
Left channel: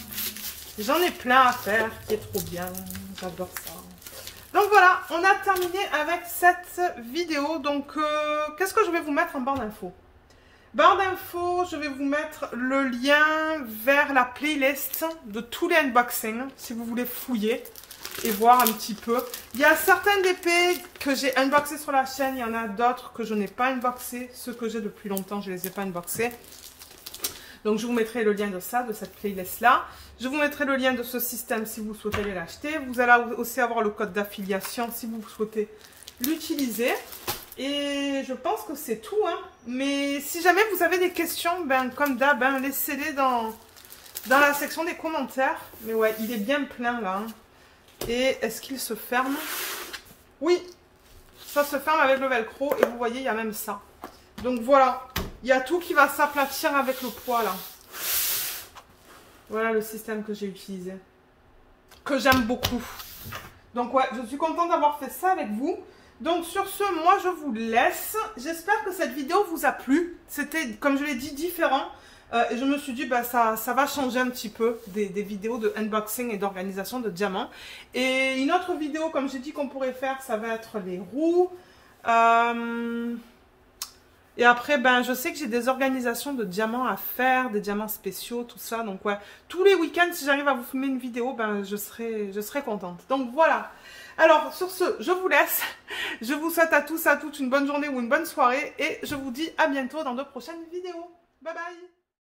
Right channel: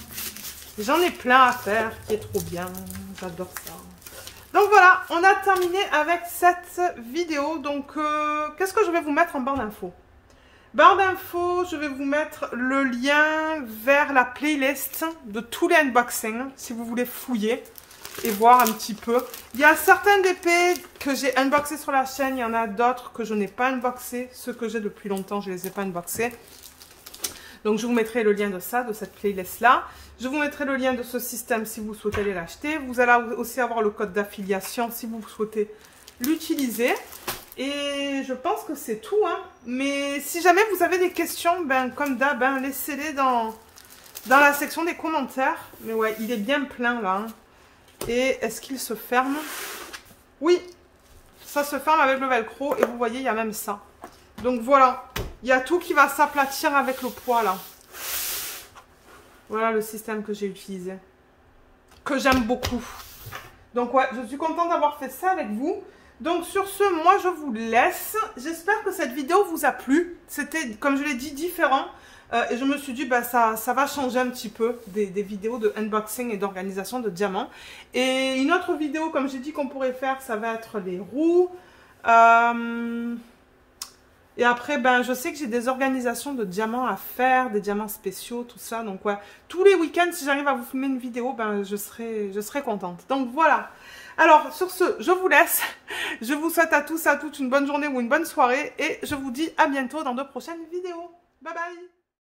J'en ai plein à faire qui est trop bien. J'adore ça. Donc voilà, on a terminé avec cette vidéo. Donc, qu'est-ce que je vais vous mettre en barre d'infos? Barre d'infos, je vais vous mettre le lien vers la playlist de tous les unboxings, si vous voulez fouiller et voir un petit peu. Il y a certains DP que j'ai unboxés sur la chaîne, il y en a d'autres que je n'ai pas unboxés. Ceux que j'ai depuis longtemps, je ne les ai pas unboxés. Donc je vous mettrai le lien de ça, de cette playlist-là. Je vous mettrai le lien de ce système si vous souhaitez aller l'acheter. Vous allez aussi avoir le code d'affiliation si vous souhaitez l'utiliser. Et je pense que c'est tout, hein. Mais si jamais vous avez des questions, ben, comme d'hab, ben, laissez-les dans la section des commentaires. Mais ouais, il est bien plein là. Hein. Et est-ce qu'il se ferme? Oui, ça se ferme avec le velcro. Et vous voyez, il y a même ça. Donc voilà, il y a tout qui va s'aplatir avec le poids là. Voilà le système que j'ai utilisé. Que j'aime beaucoup. Donc ouais, je suis contente d'avoir fait ça avec vous. Donc sur ce, moi je vous laisse. J'espère que cette vidéo vous a plu. C'était, comme je l'ai dit, différent. Et je me suis dit, bah, ça va changer un petit peu des vidéos de unboxing et d'organisation de diamants. Et une autre vidéo, comme j'ai dit qu'on pourrait faire, ça va être les roues. Et après, ben, je sais que j'ai des organisations de diamants à faire, des diamants spéciaux, tout ça. Donc ouais, tous les week-ends, si j'arrive à vous filmer une vidéo, ben, je serai contente. Donc voilà. Alors, sur ce, je vous laisse. Je vous souhaite à tous, à toutes une bonne journée ou une bonne soirée. Et je vous dis à bientôt dans de prochaines vidéos. Bye bye!